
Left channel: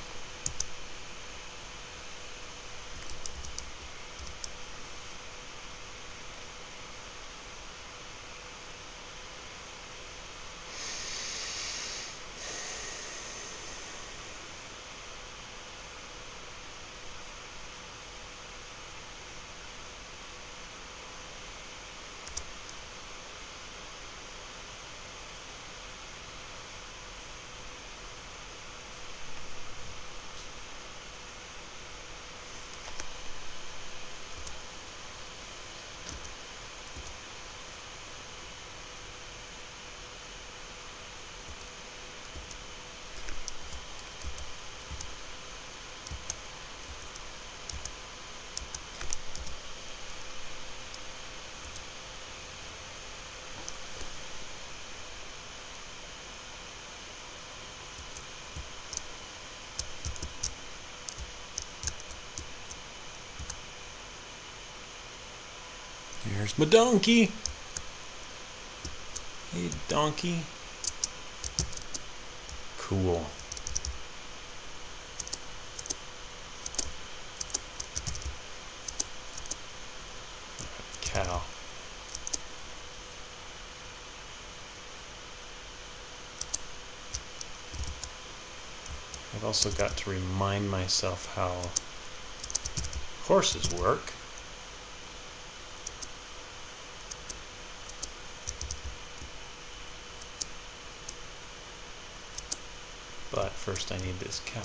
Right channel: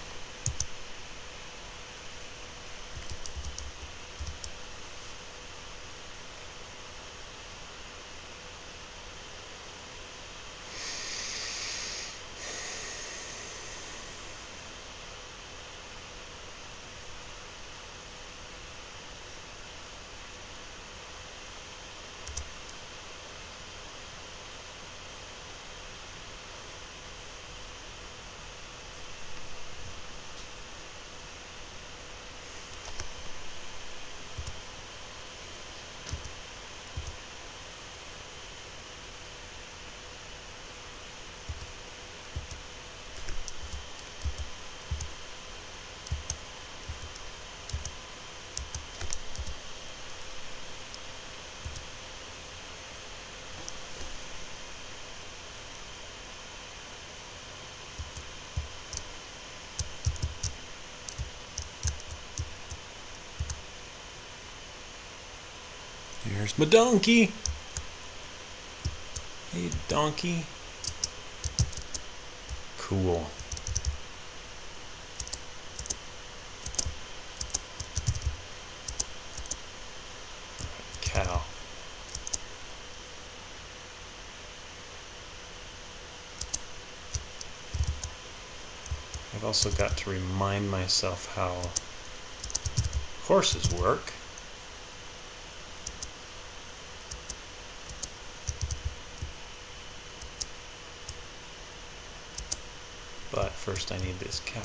There's my donkey. Hey, donkey. Cool. Cow. I've also got to remind myself how horses work. But first I need this cow.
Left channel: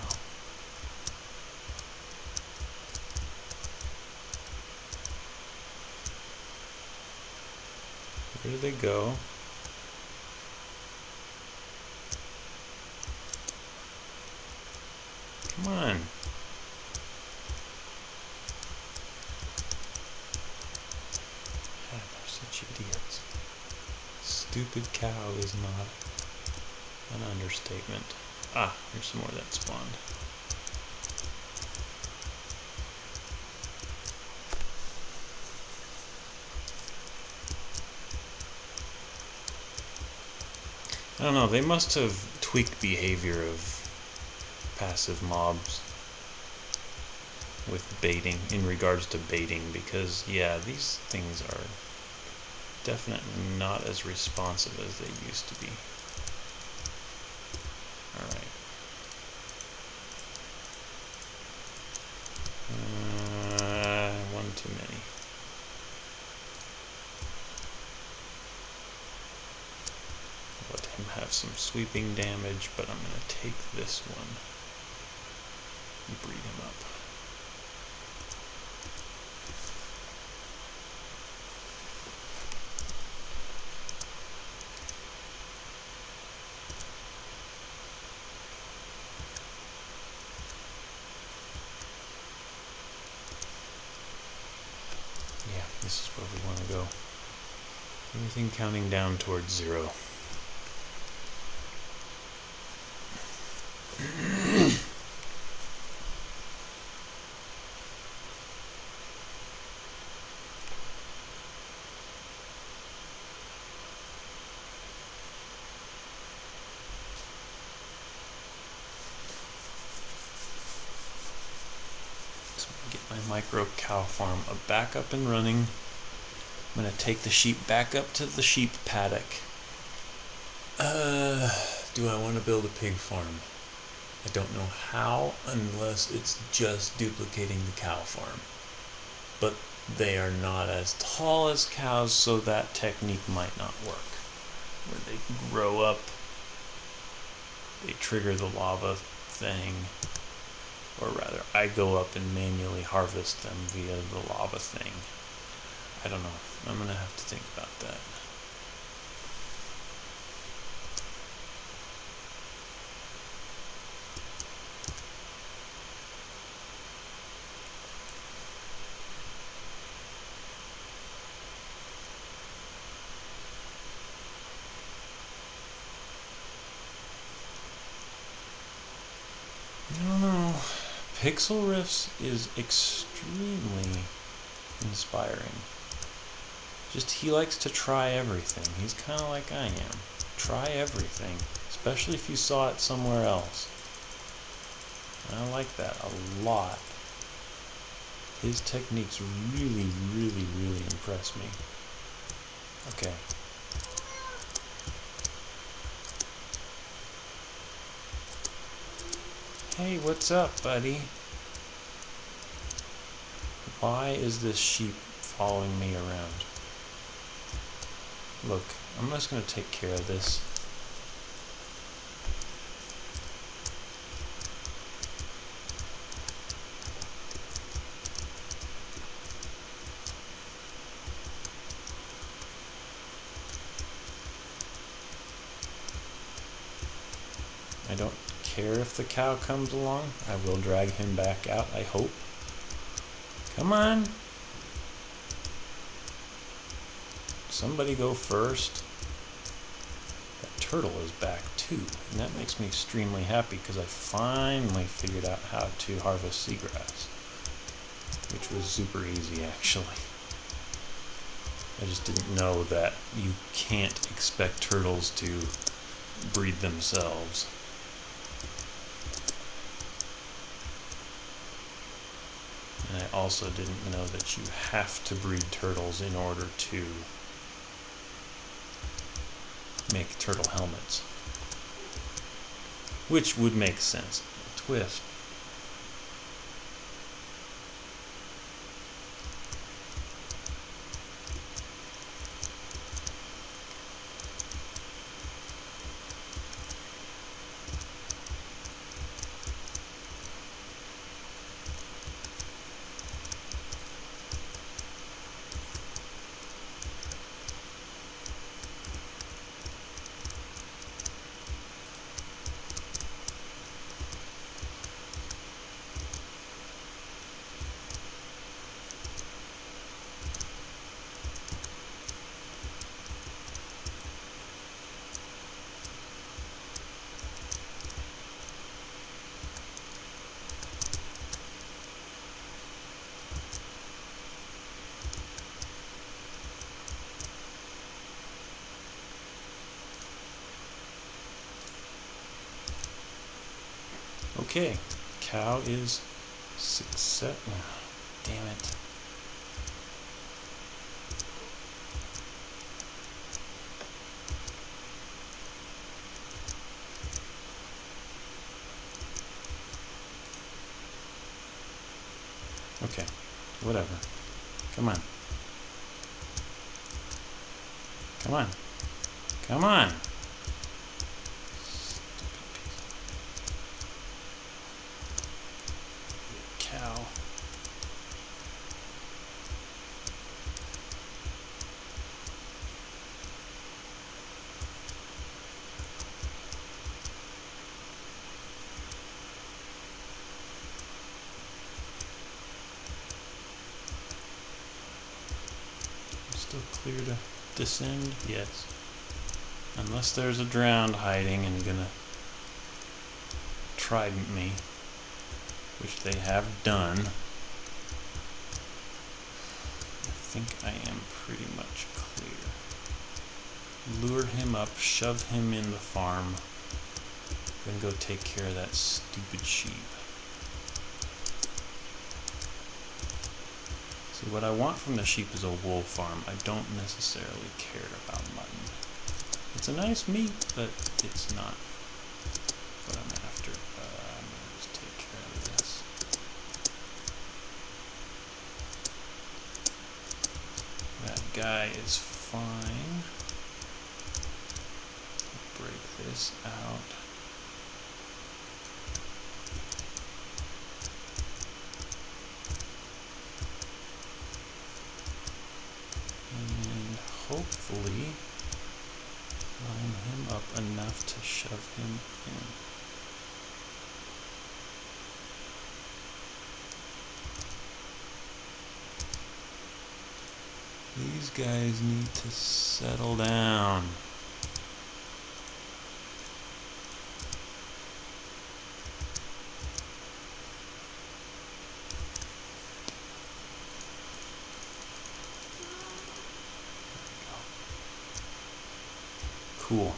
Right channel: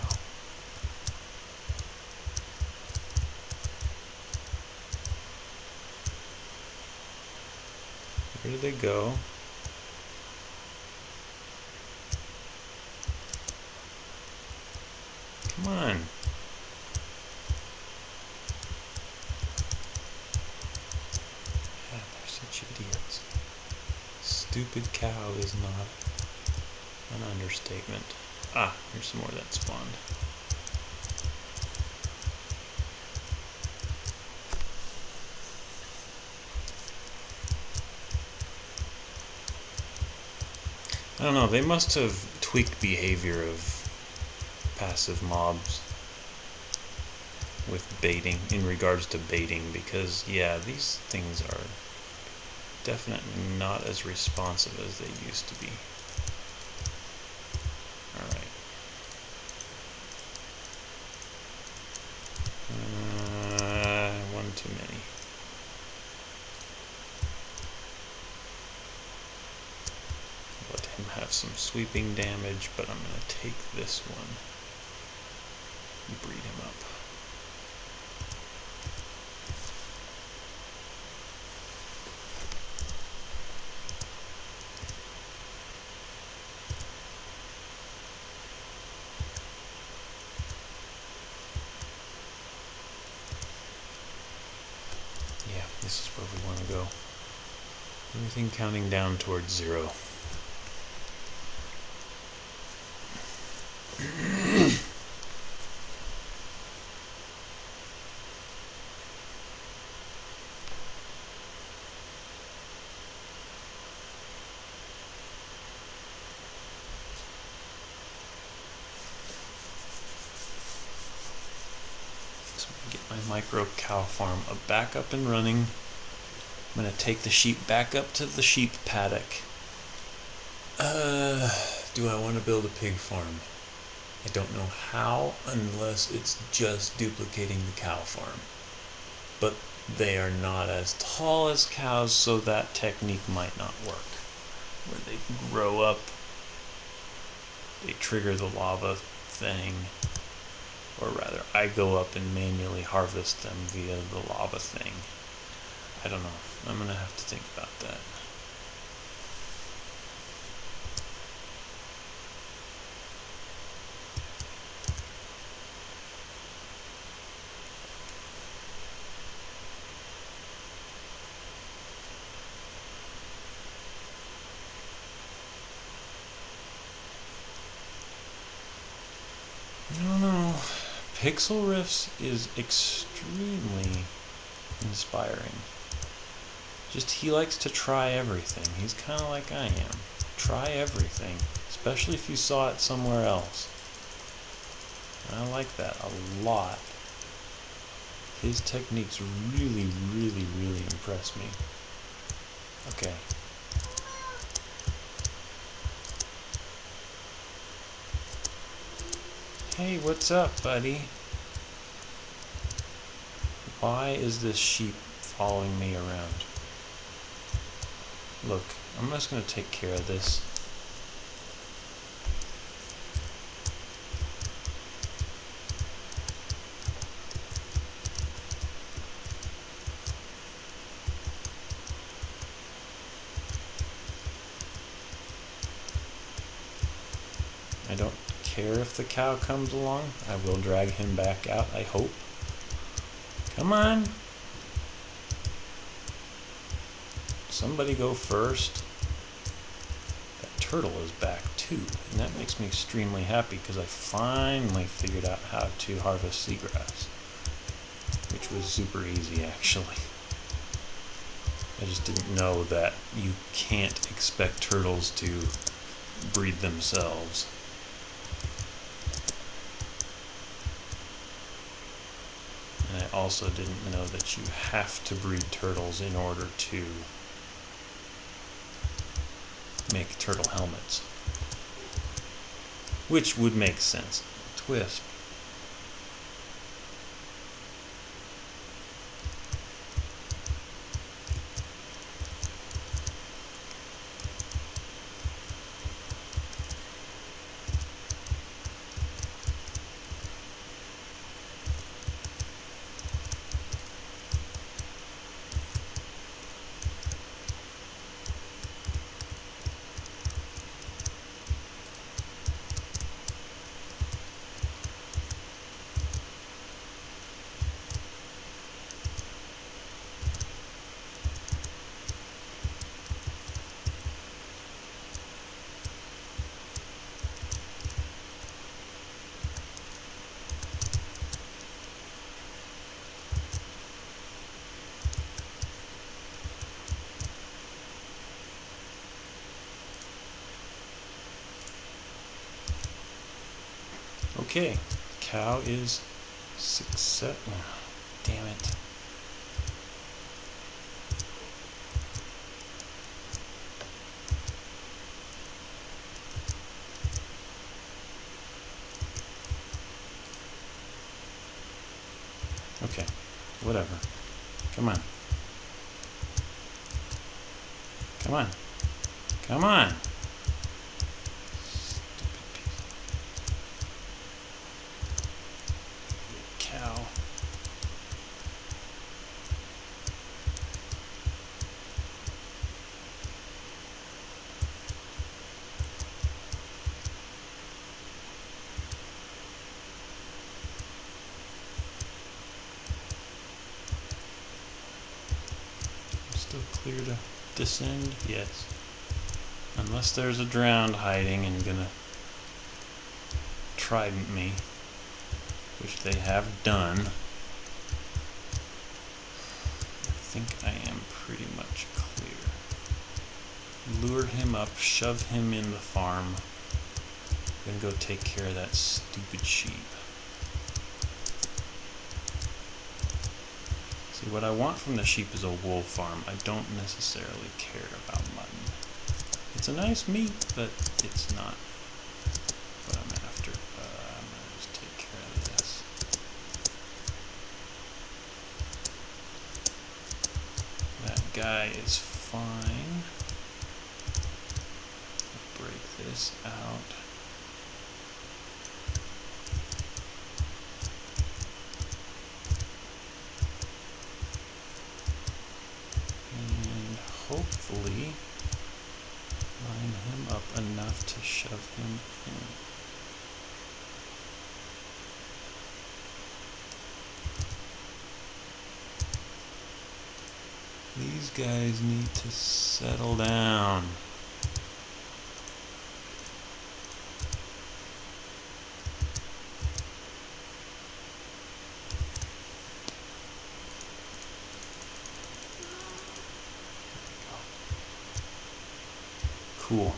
Where do they go? Come on. God, they're such idiots. Stupid cow is not an understatement. Ah, here's some more that spawned. I don't know, they must have tweaked behavior of passive mobs with baiting, in regards to baiting, because yeah, these things are definitely not as responsive as they used to be. Alright. One too many. Let him have some sweeping damage, but I'm going to take this one and breed him up. Yeah, this is where we want to go. Everything counting down towards 0. So I'm going to get my micro cow farm back up and running. I'm going to take the sheep back up to the sheep paddock. Do I want to build a pig farm? I don't know how, unless it's just duplicating the cow farm. But they are not as tall as cows, so that technique might not work. Where they grow up, they trigger the lava thing, or rather, I go up and manually harvest them via the lava thing. I don't know. I'm going to have to think about that. I don't know. Pixel Riffs is extremely inspiring. Just he likes to try everything. He's kind of like I am. Try everything, especially if you saw it somewhere else. And I like that a lot. His techniques really, really, really impress me. Okay. Hey, what's up, buddy? Why is this sheep following me around? Look, I'm just going to take care of this. I don't care if the cow comes along. I will drag him back out, I hope. Come on. Somebody go first. That turtle is back too, and that makes me extremely happy because I finally figured out how to harvest seagrass, which was super easy actually. I just didn't know that you can't expect turtles to breed themselves. And I also didn't know that you have to breed turtles in order to make turtle helmets. Which would make sense. Twist. Okay, cow is success. Oh, damn it. Okay, whatever. Come on. Come on. Come on. Cow. Still clear to descend? Yes. Unless there's a drowned hiding and gonna trident me, which they have done. I think I am pretty much clear. Lure him up, shove him in the farm. I'm gonna go take care of that stupid sheep. See, what I want from the sheep is a wool farm. I don't necessarily care about mutton. It's a nice meat, but it's not what I'm after. I'm gonna just take care of this. That guy is fine. Break this out. And hopefully line him up enough to shove him in. These guys need to settle down. Cool.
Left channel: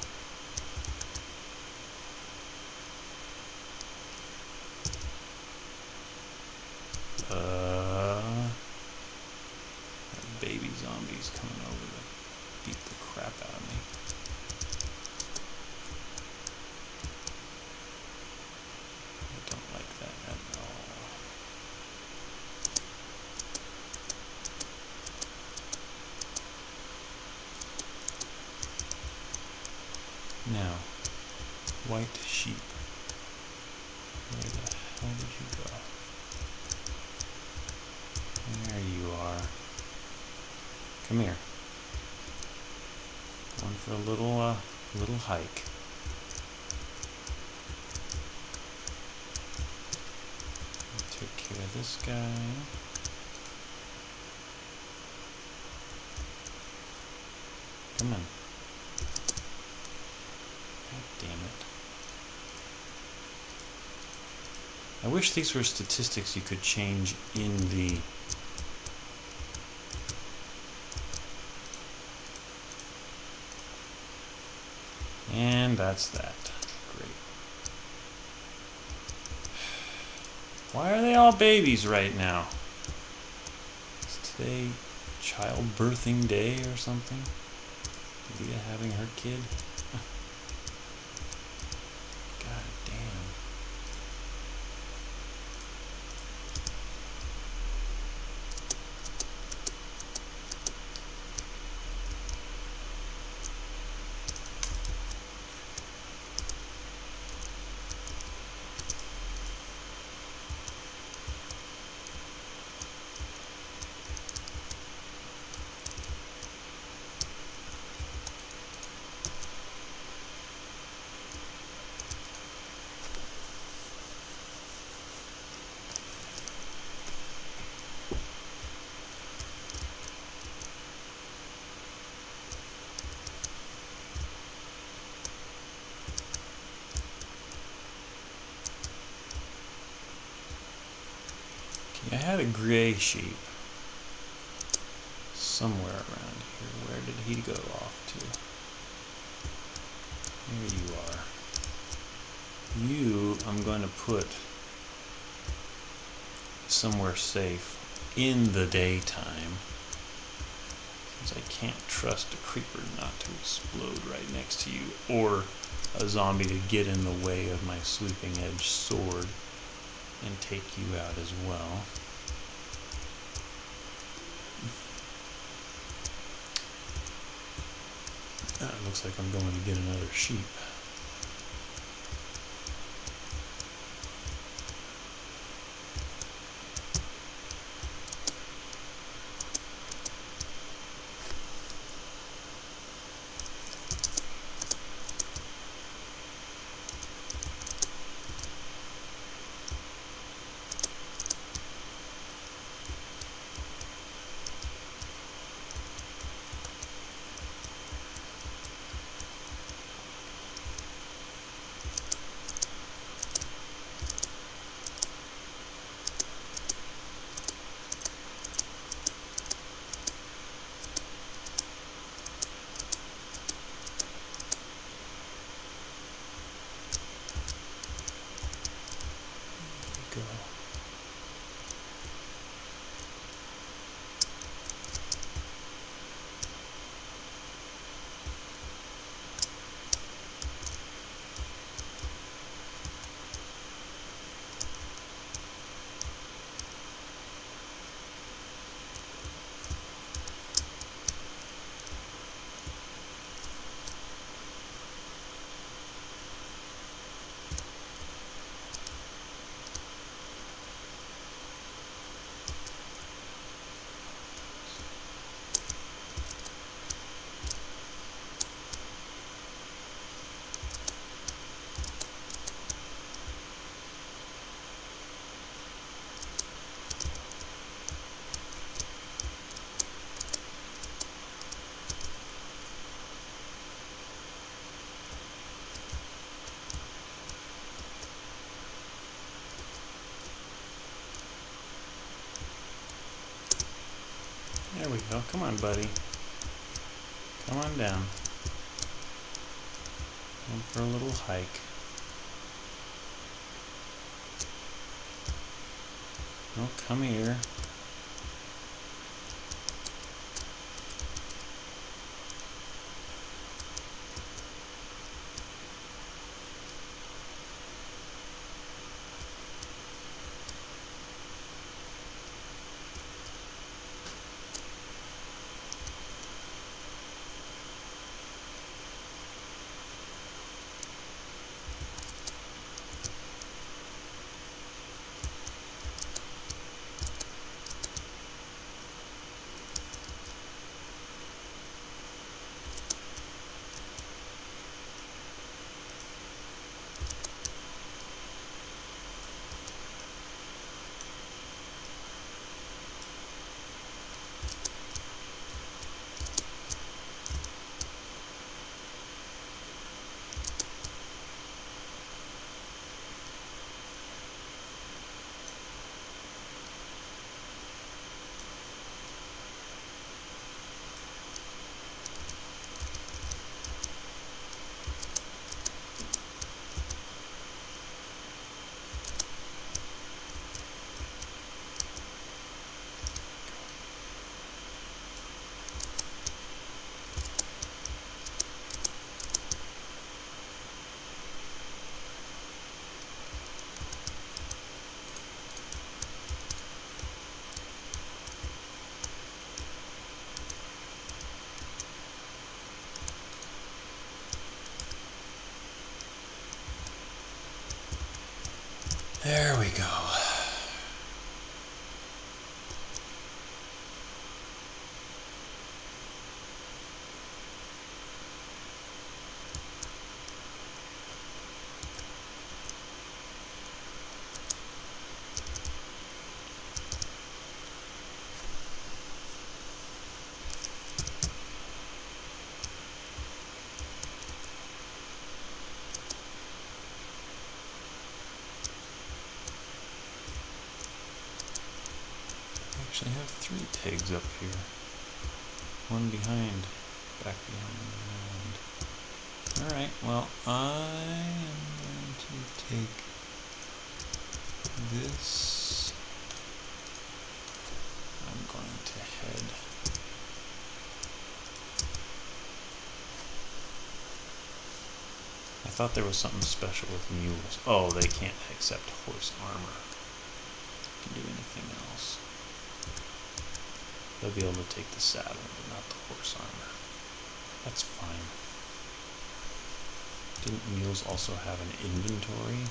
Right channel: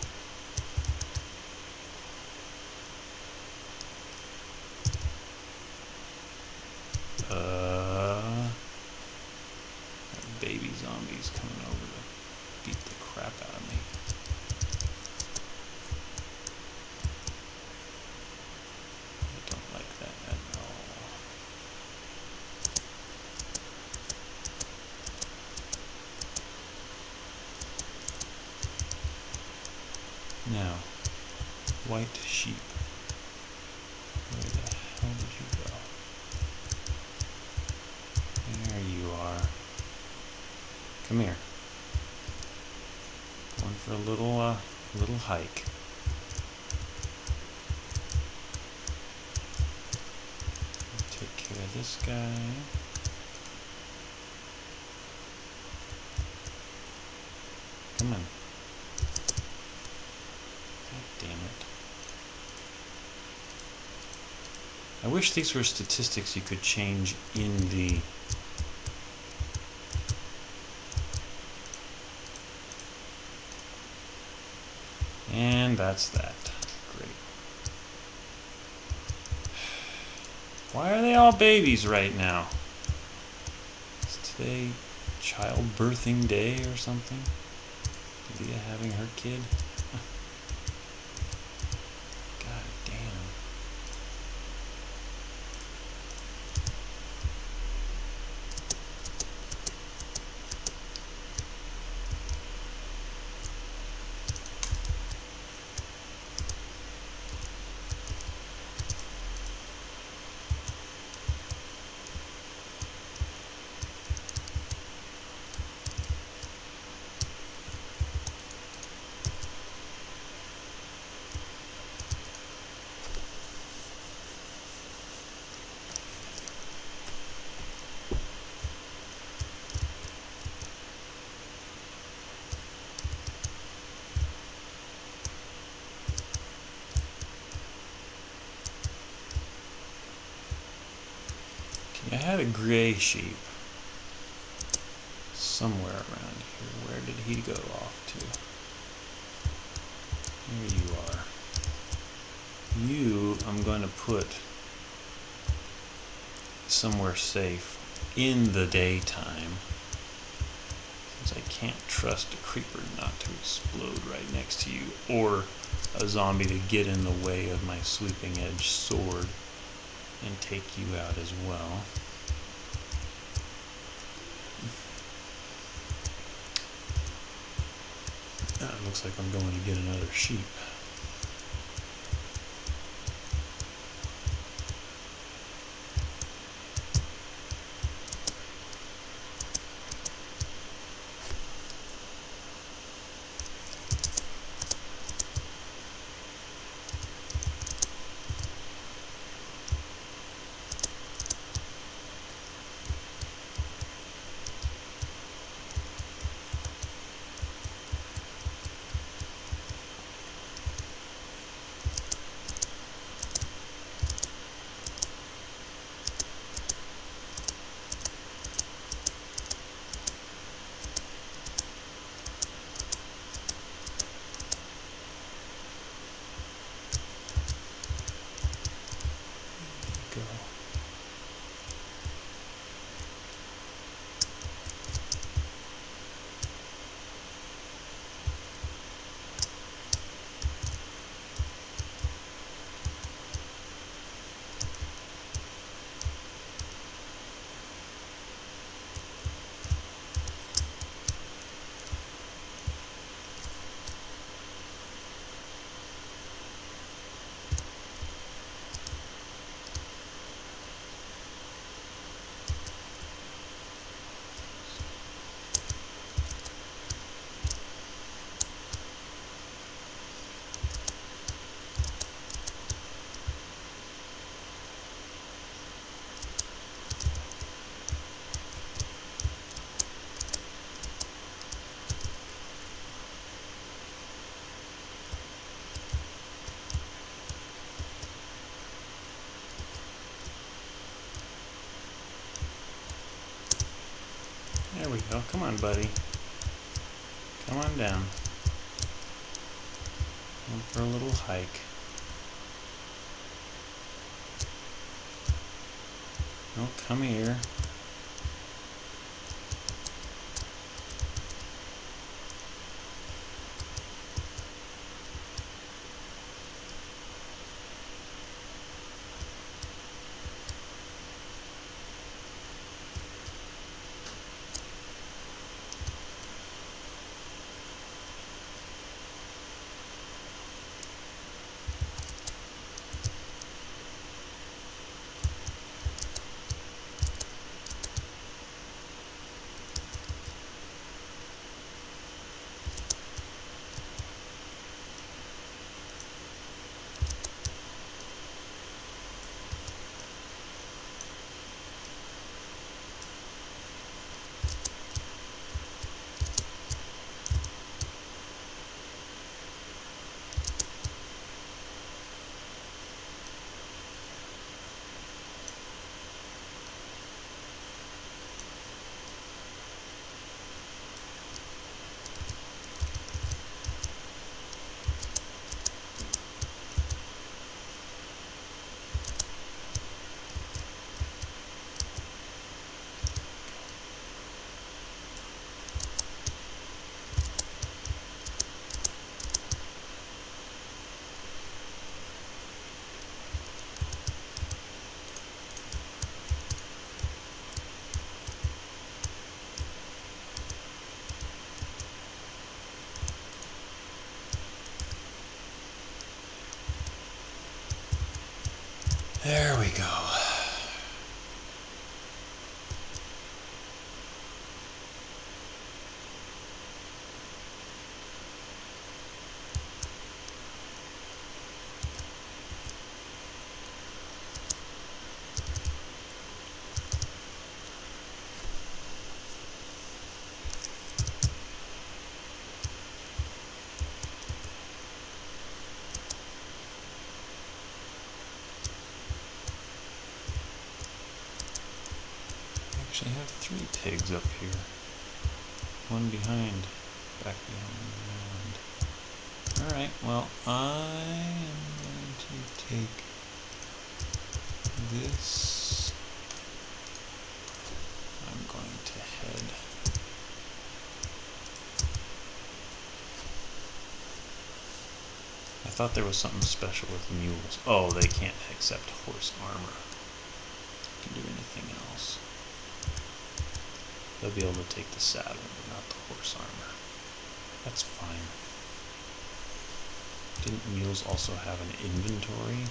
Baby zombies coming over to beat the crap out of me. I don't like that at all. Now, white sheep. Where the hell did you go? There you are. Come here. Going for a little hike. Take care of this guy. Come on. God damn it. I wish these were statistics you could change in the And that's that. Great. Why are they all babies right now? Is today childbirthing day or something? Leah having her kid? God damn. I had a gray sheep somewhere around here. Where did he go off to? Here you are. You, I'm going to put somewhere safe in the daytime, since I can't trust a creeper not to explode right next to you, or a zombie to get in the way of my sweeping edge sword and take you out as well. It looks like I'm going to get another sheep. Go. There we go. Come on, buddy. Come on down. Going for a little hike. Oh, come here. There we go. Actually have 3 pigs up here. One behind, back behind. Alright, well, I am going to take this. I'm going to head I thought there was something special with mules. Oh, they can't accept horse armor. They can do anything else. They'll be able to take the saddle, but not the horse armor. That's fine. Didn't mules also have an inventory?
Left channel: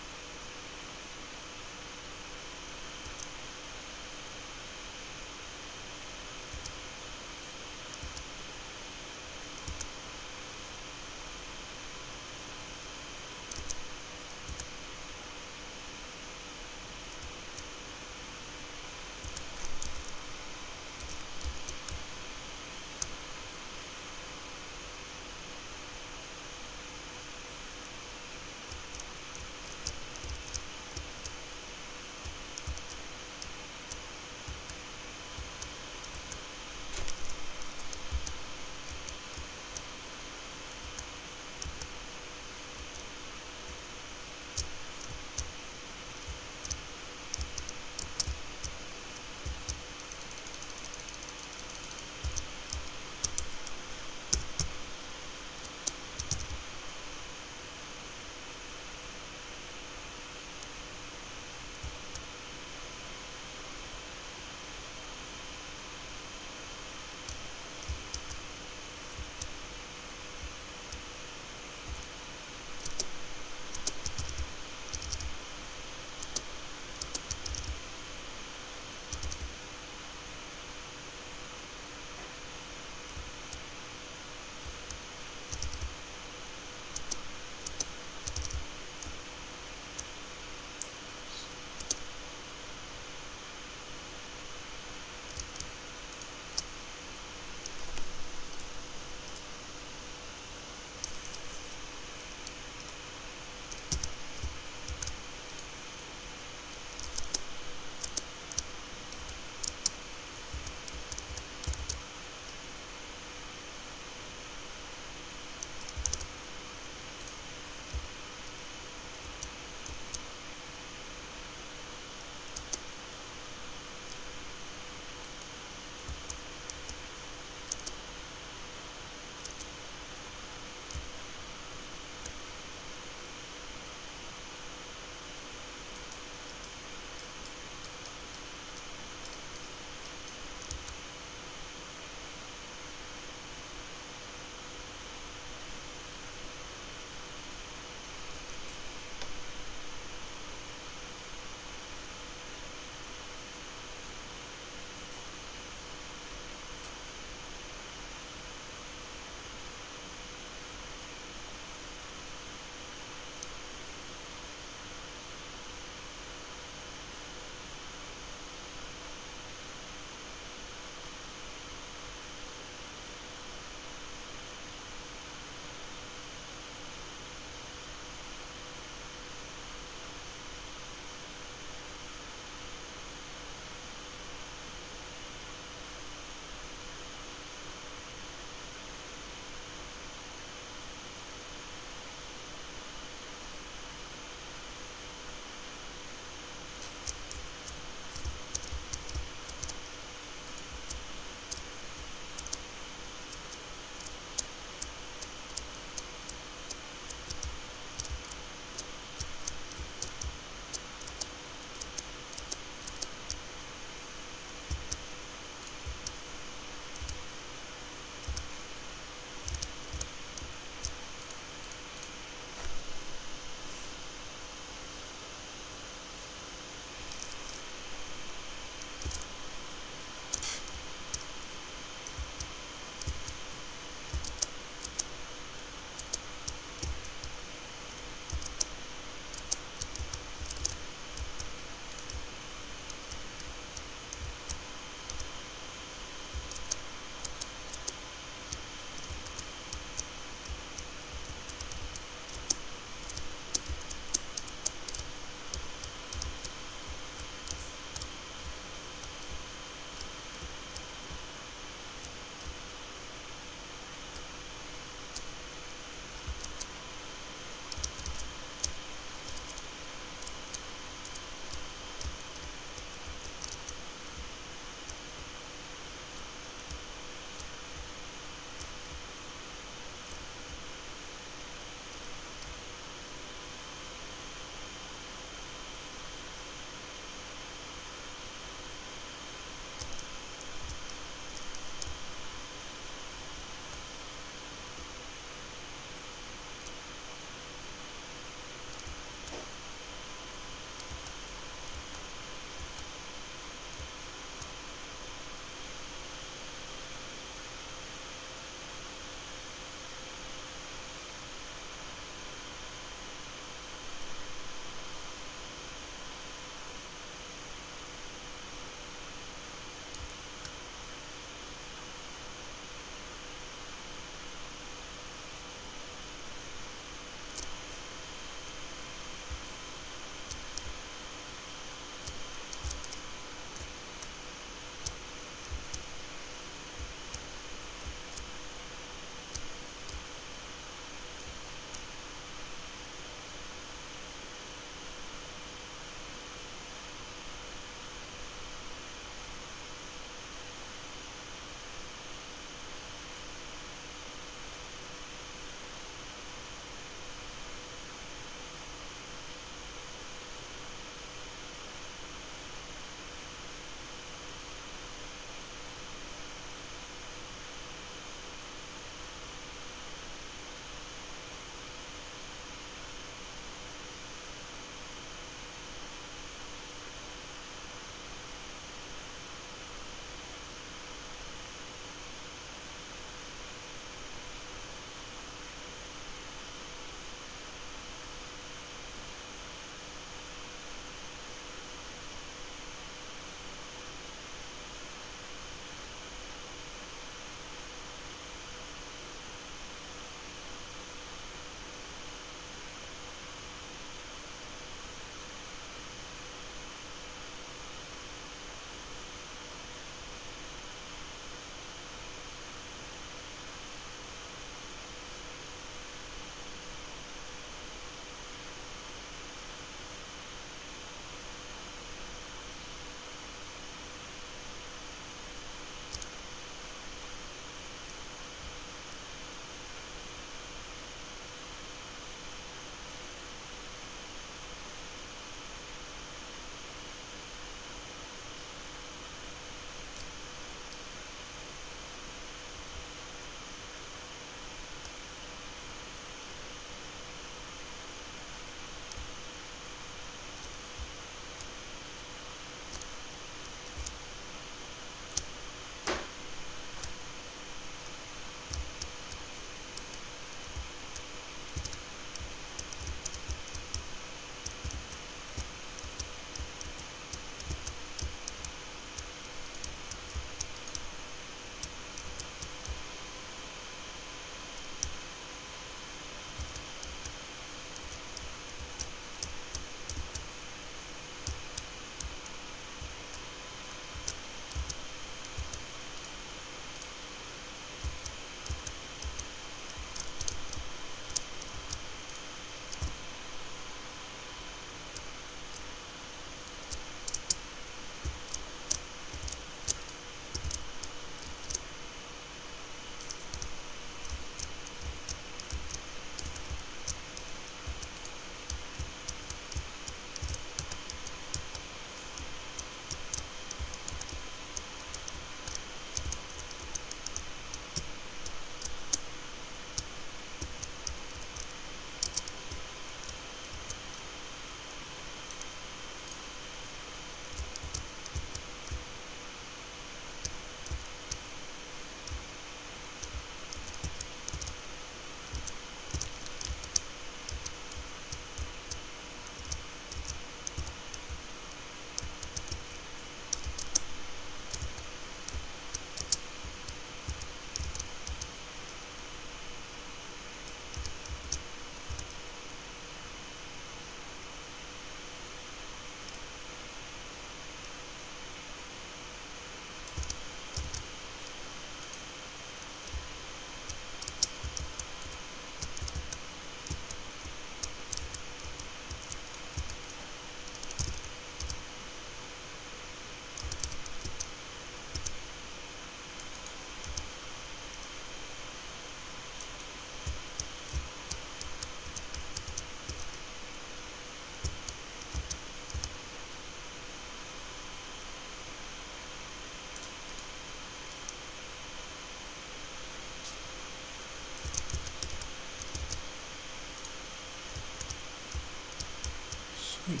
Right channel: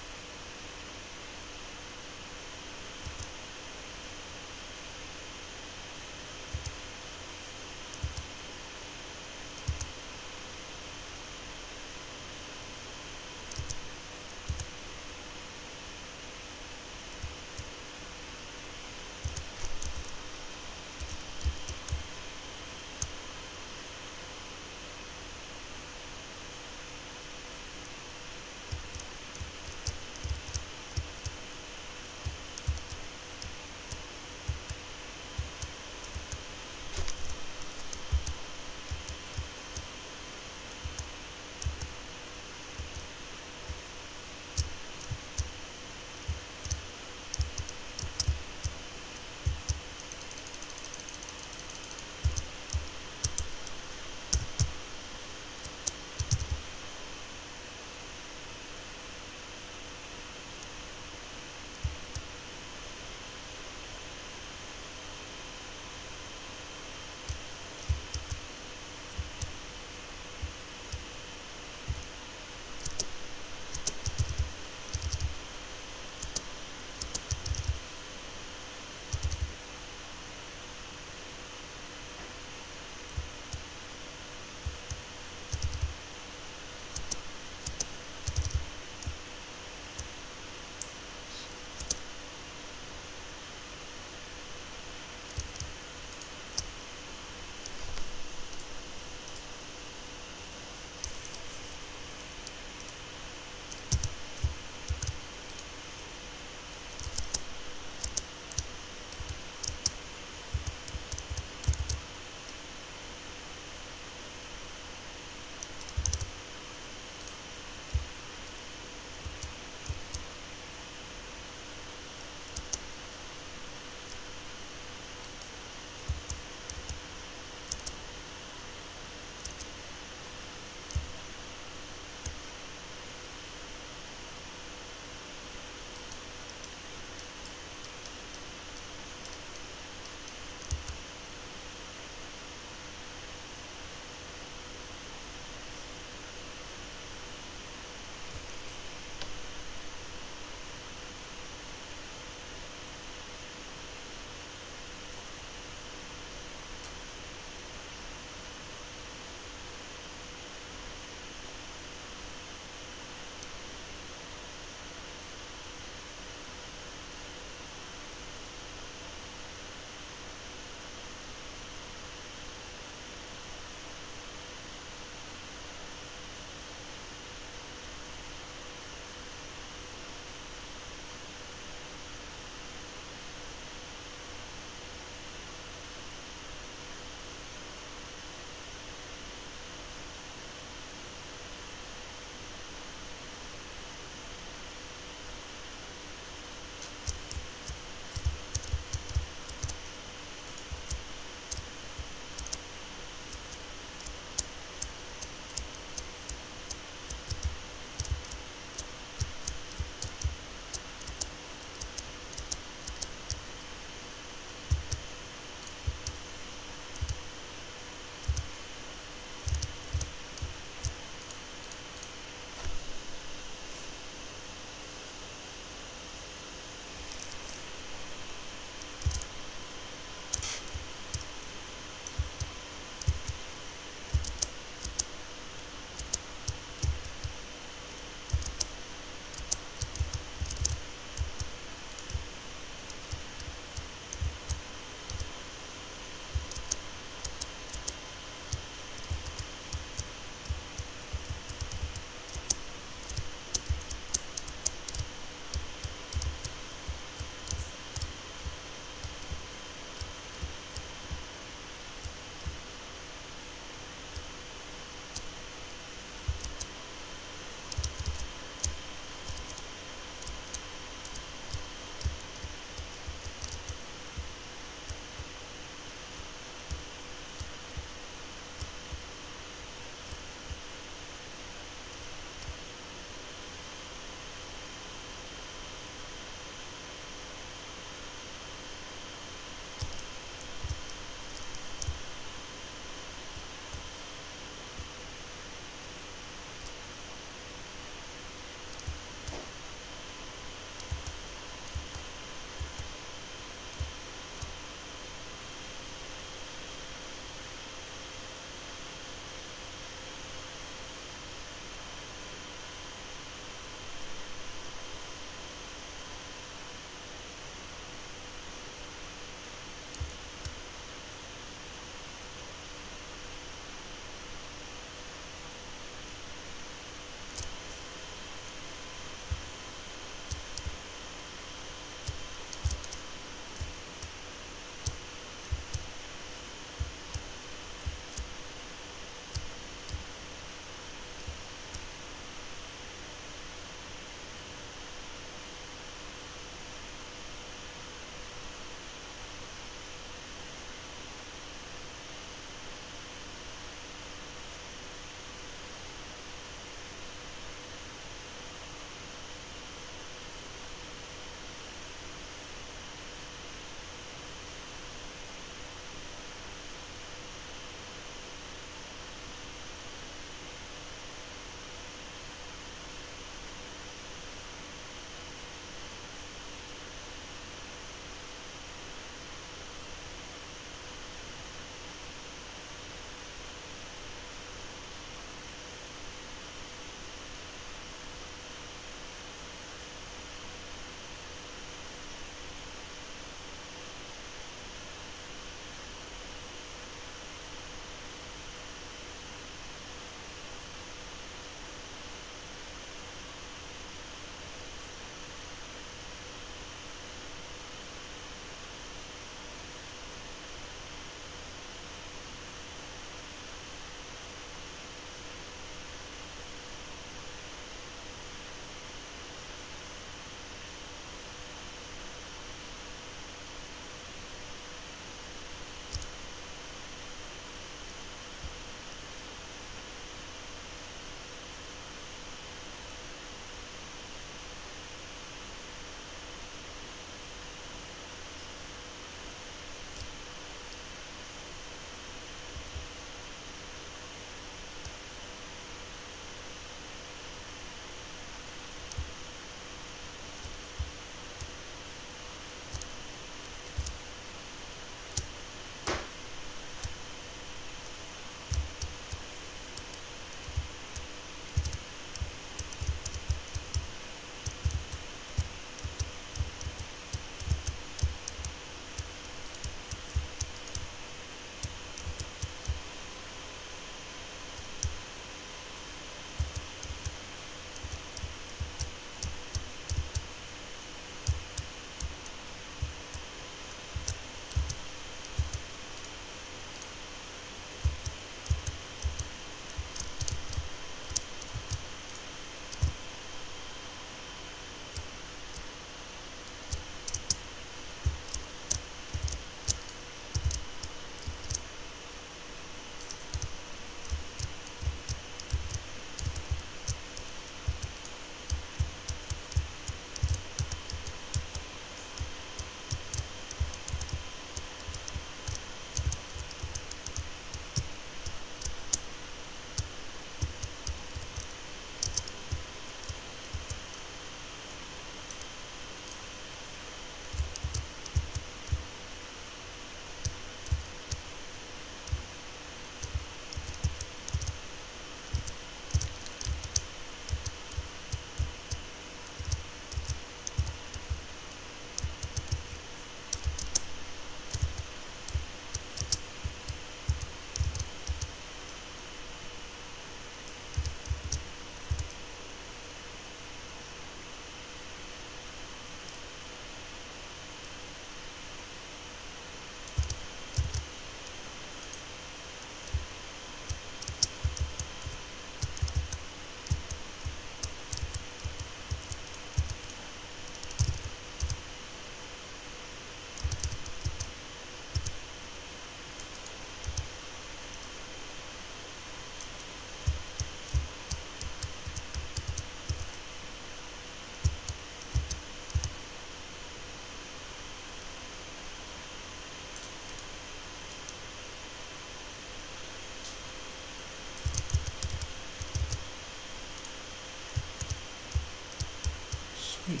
Sweet.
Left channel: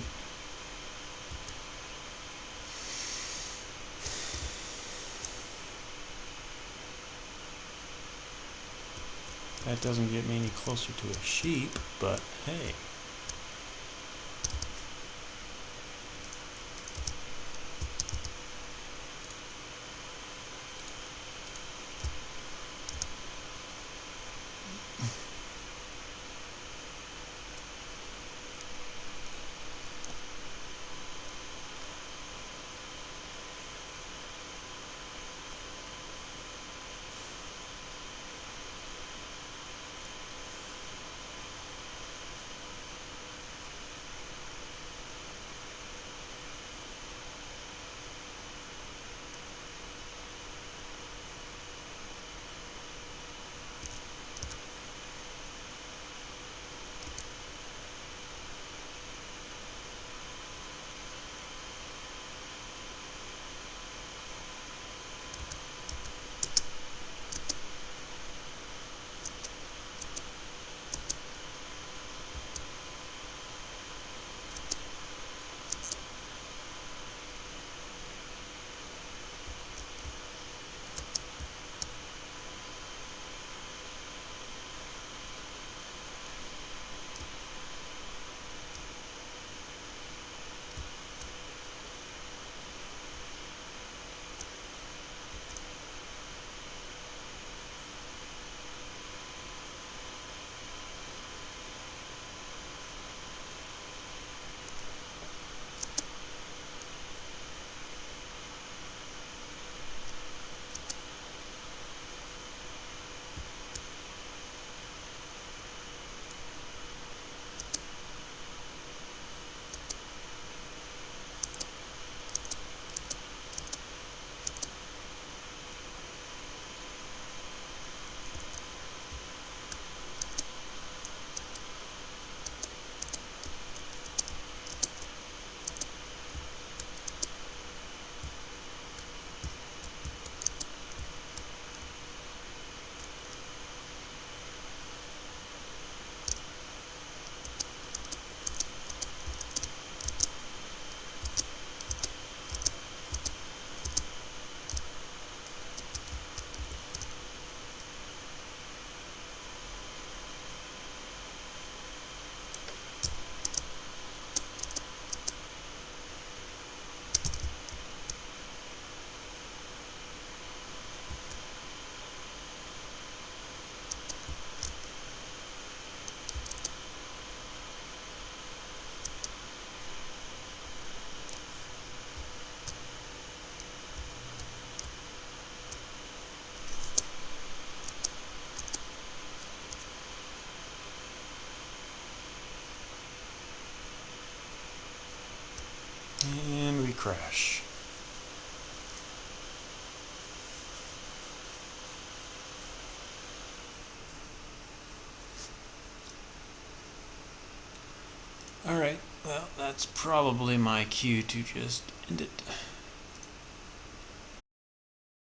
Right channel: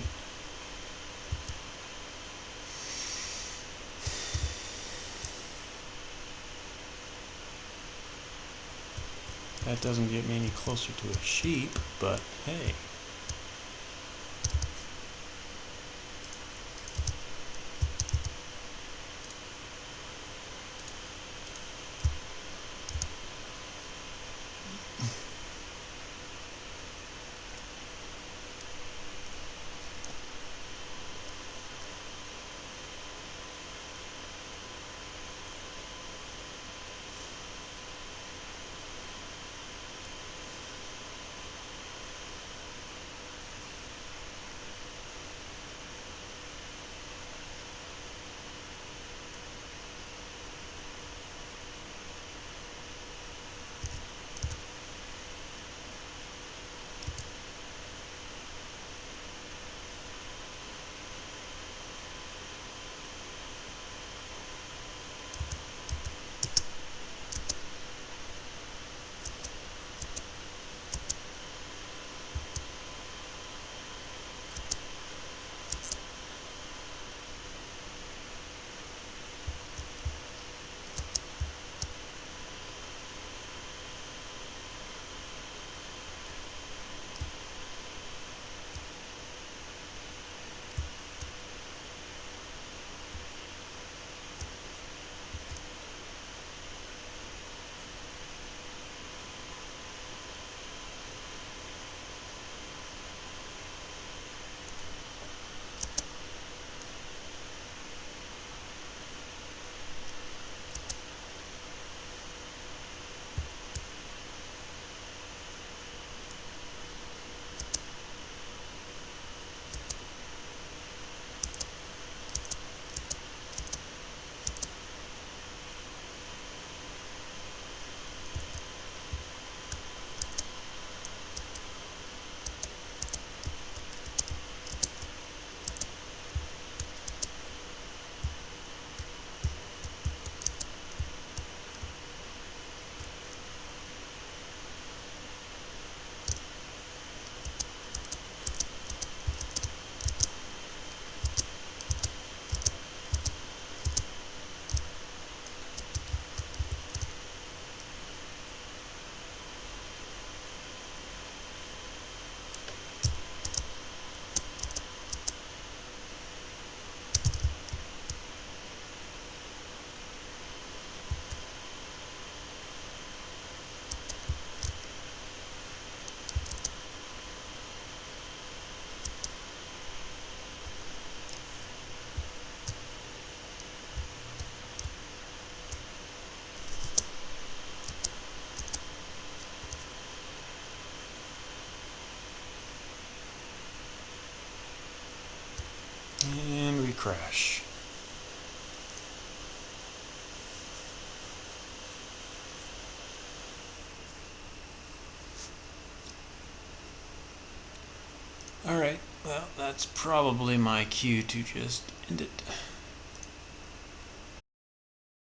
That doesn't get me any closer to a sheep, but hey. And we crash. Alright, well, that's probably my cue to just end it.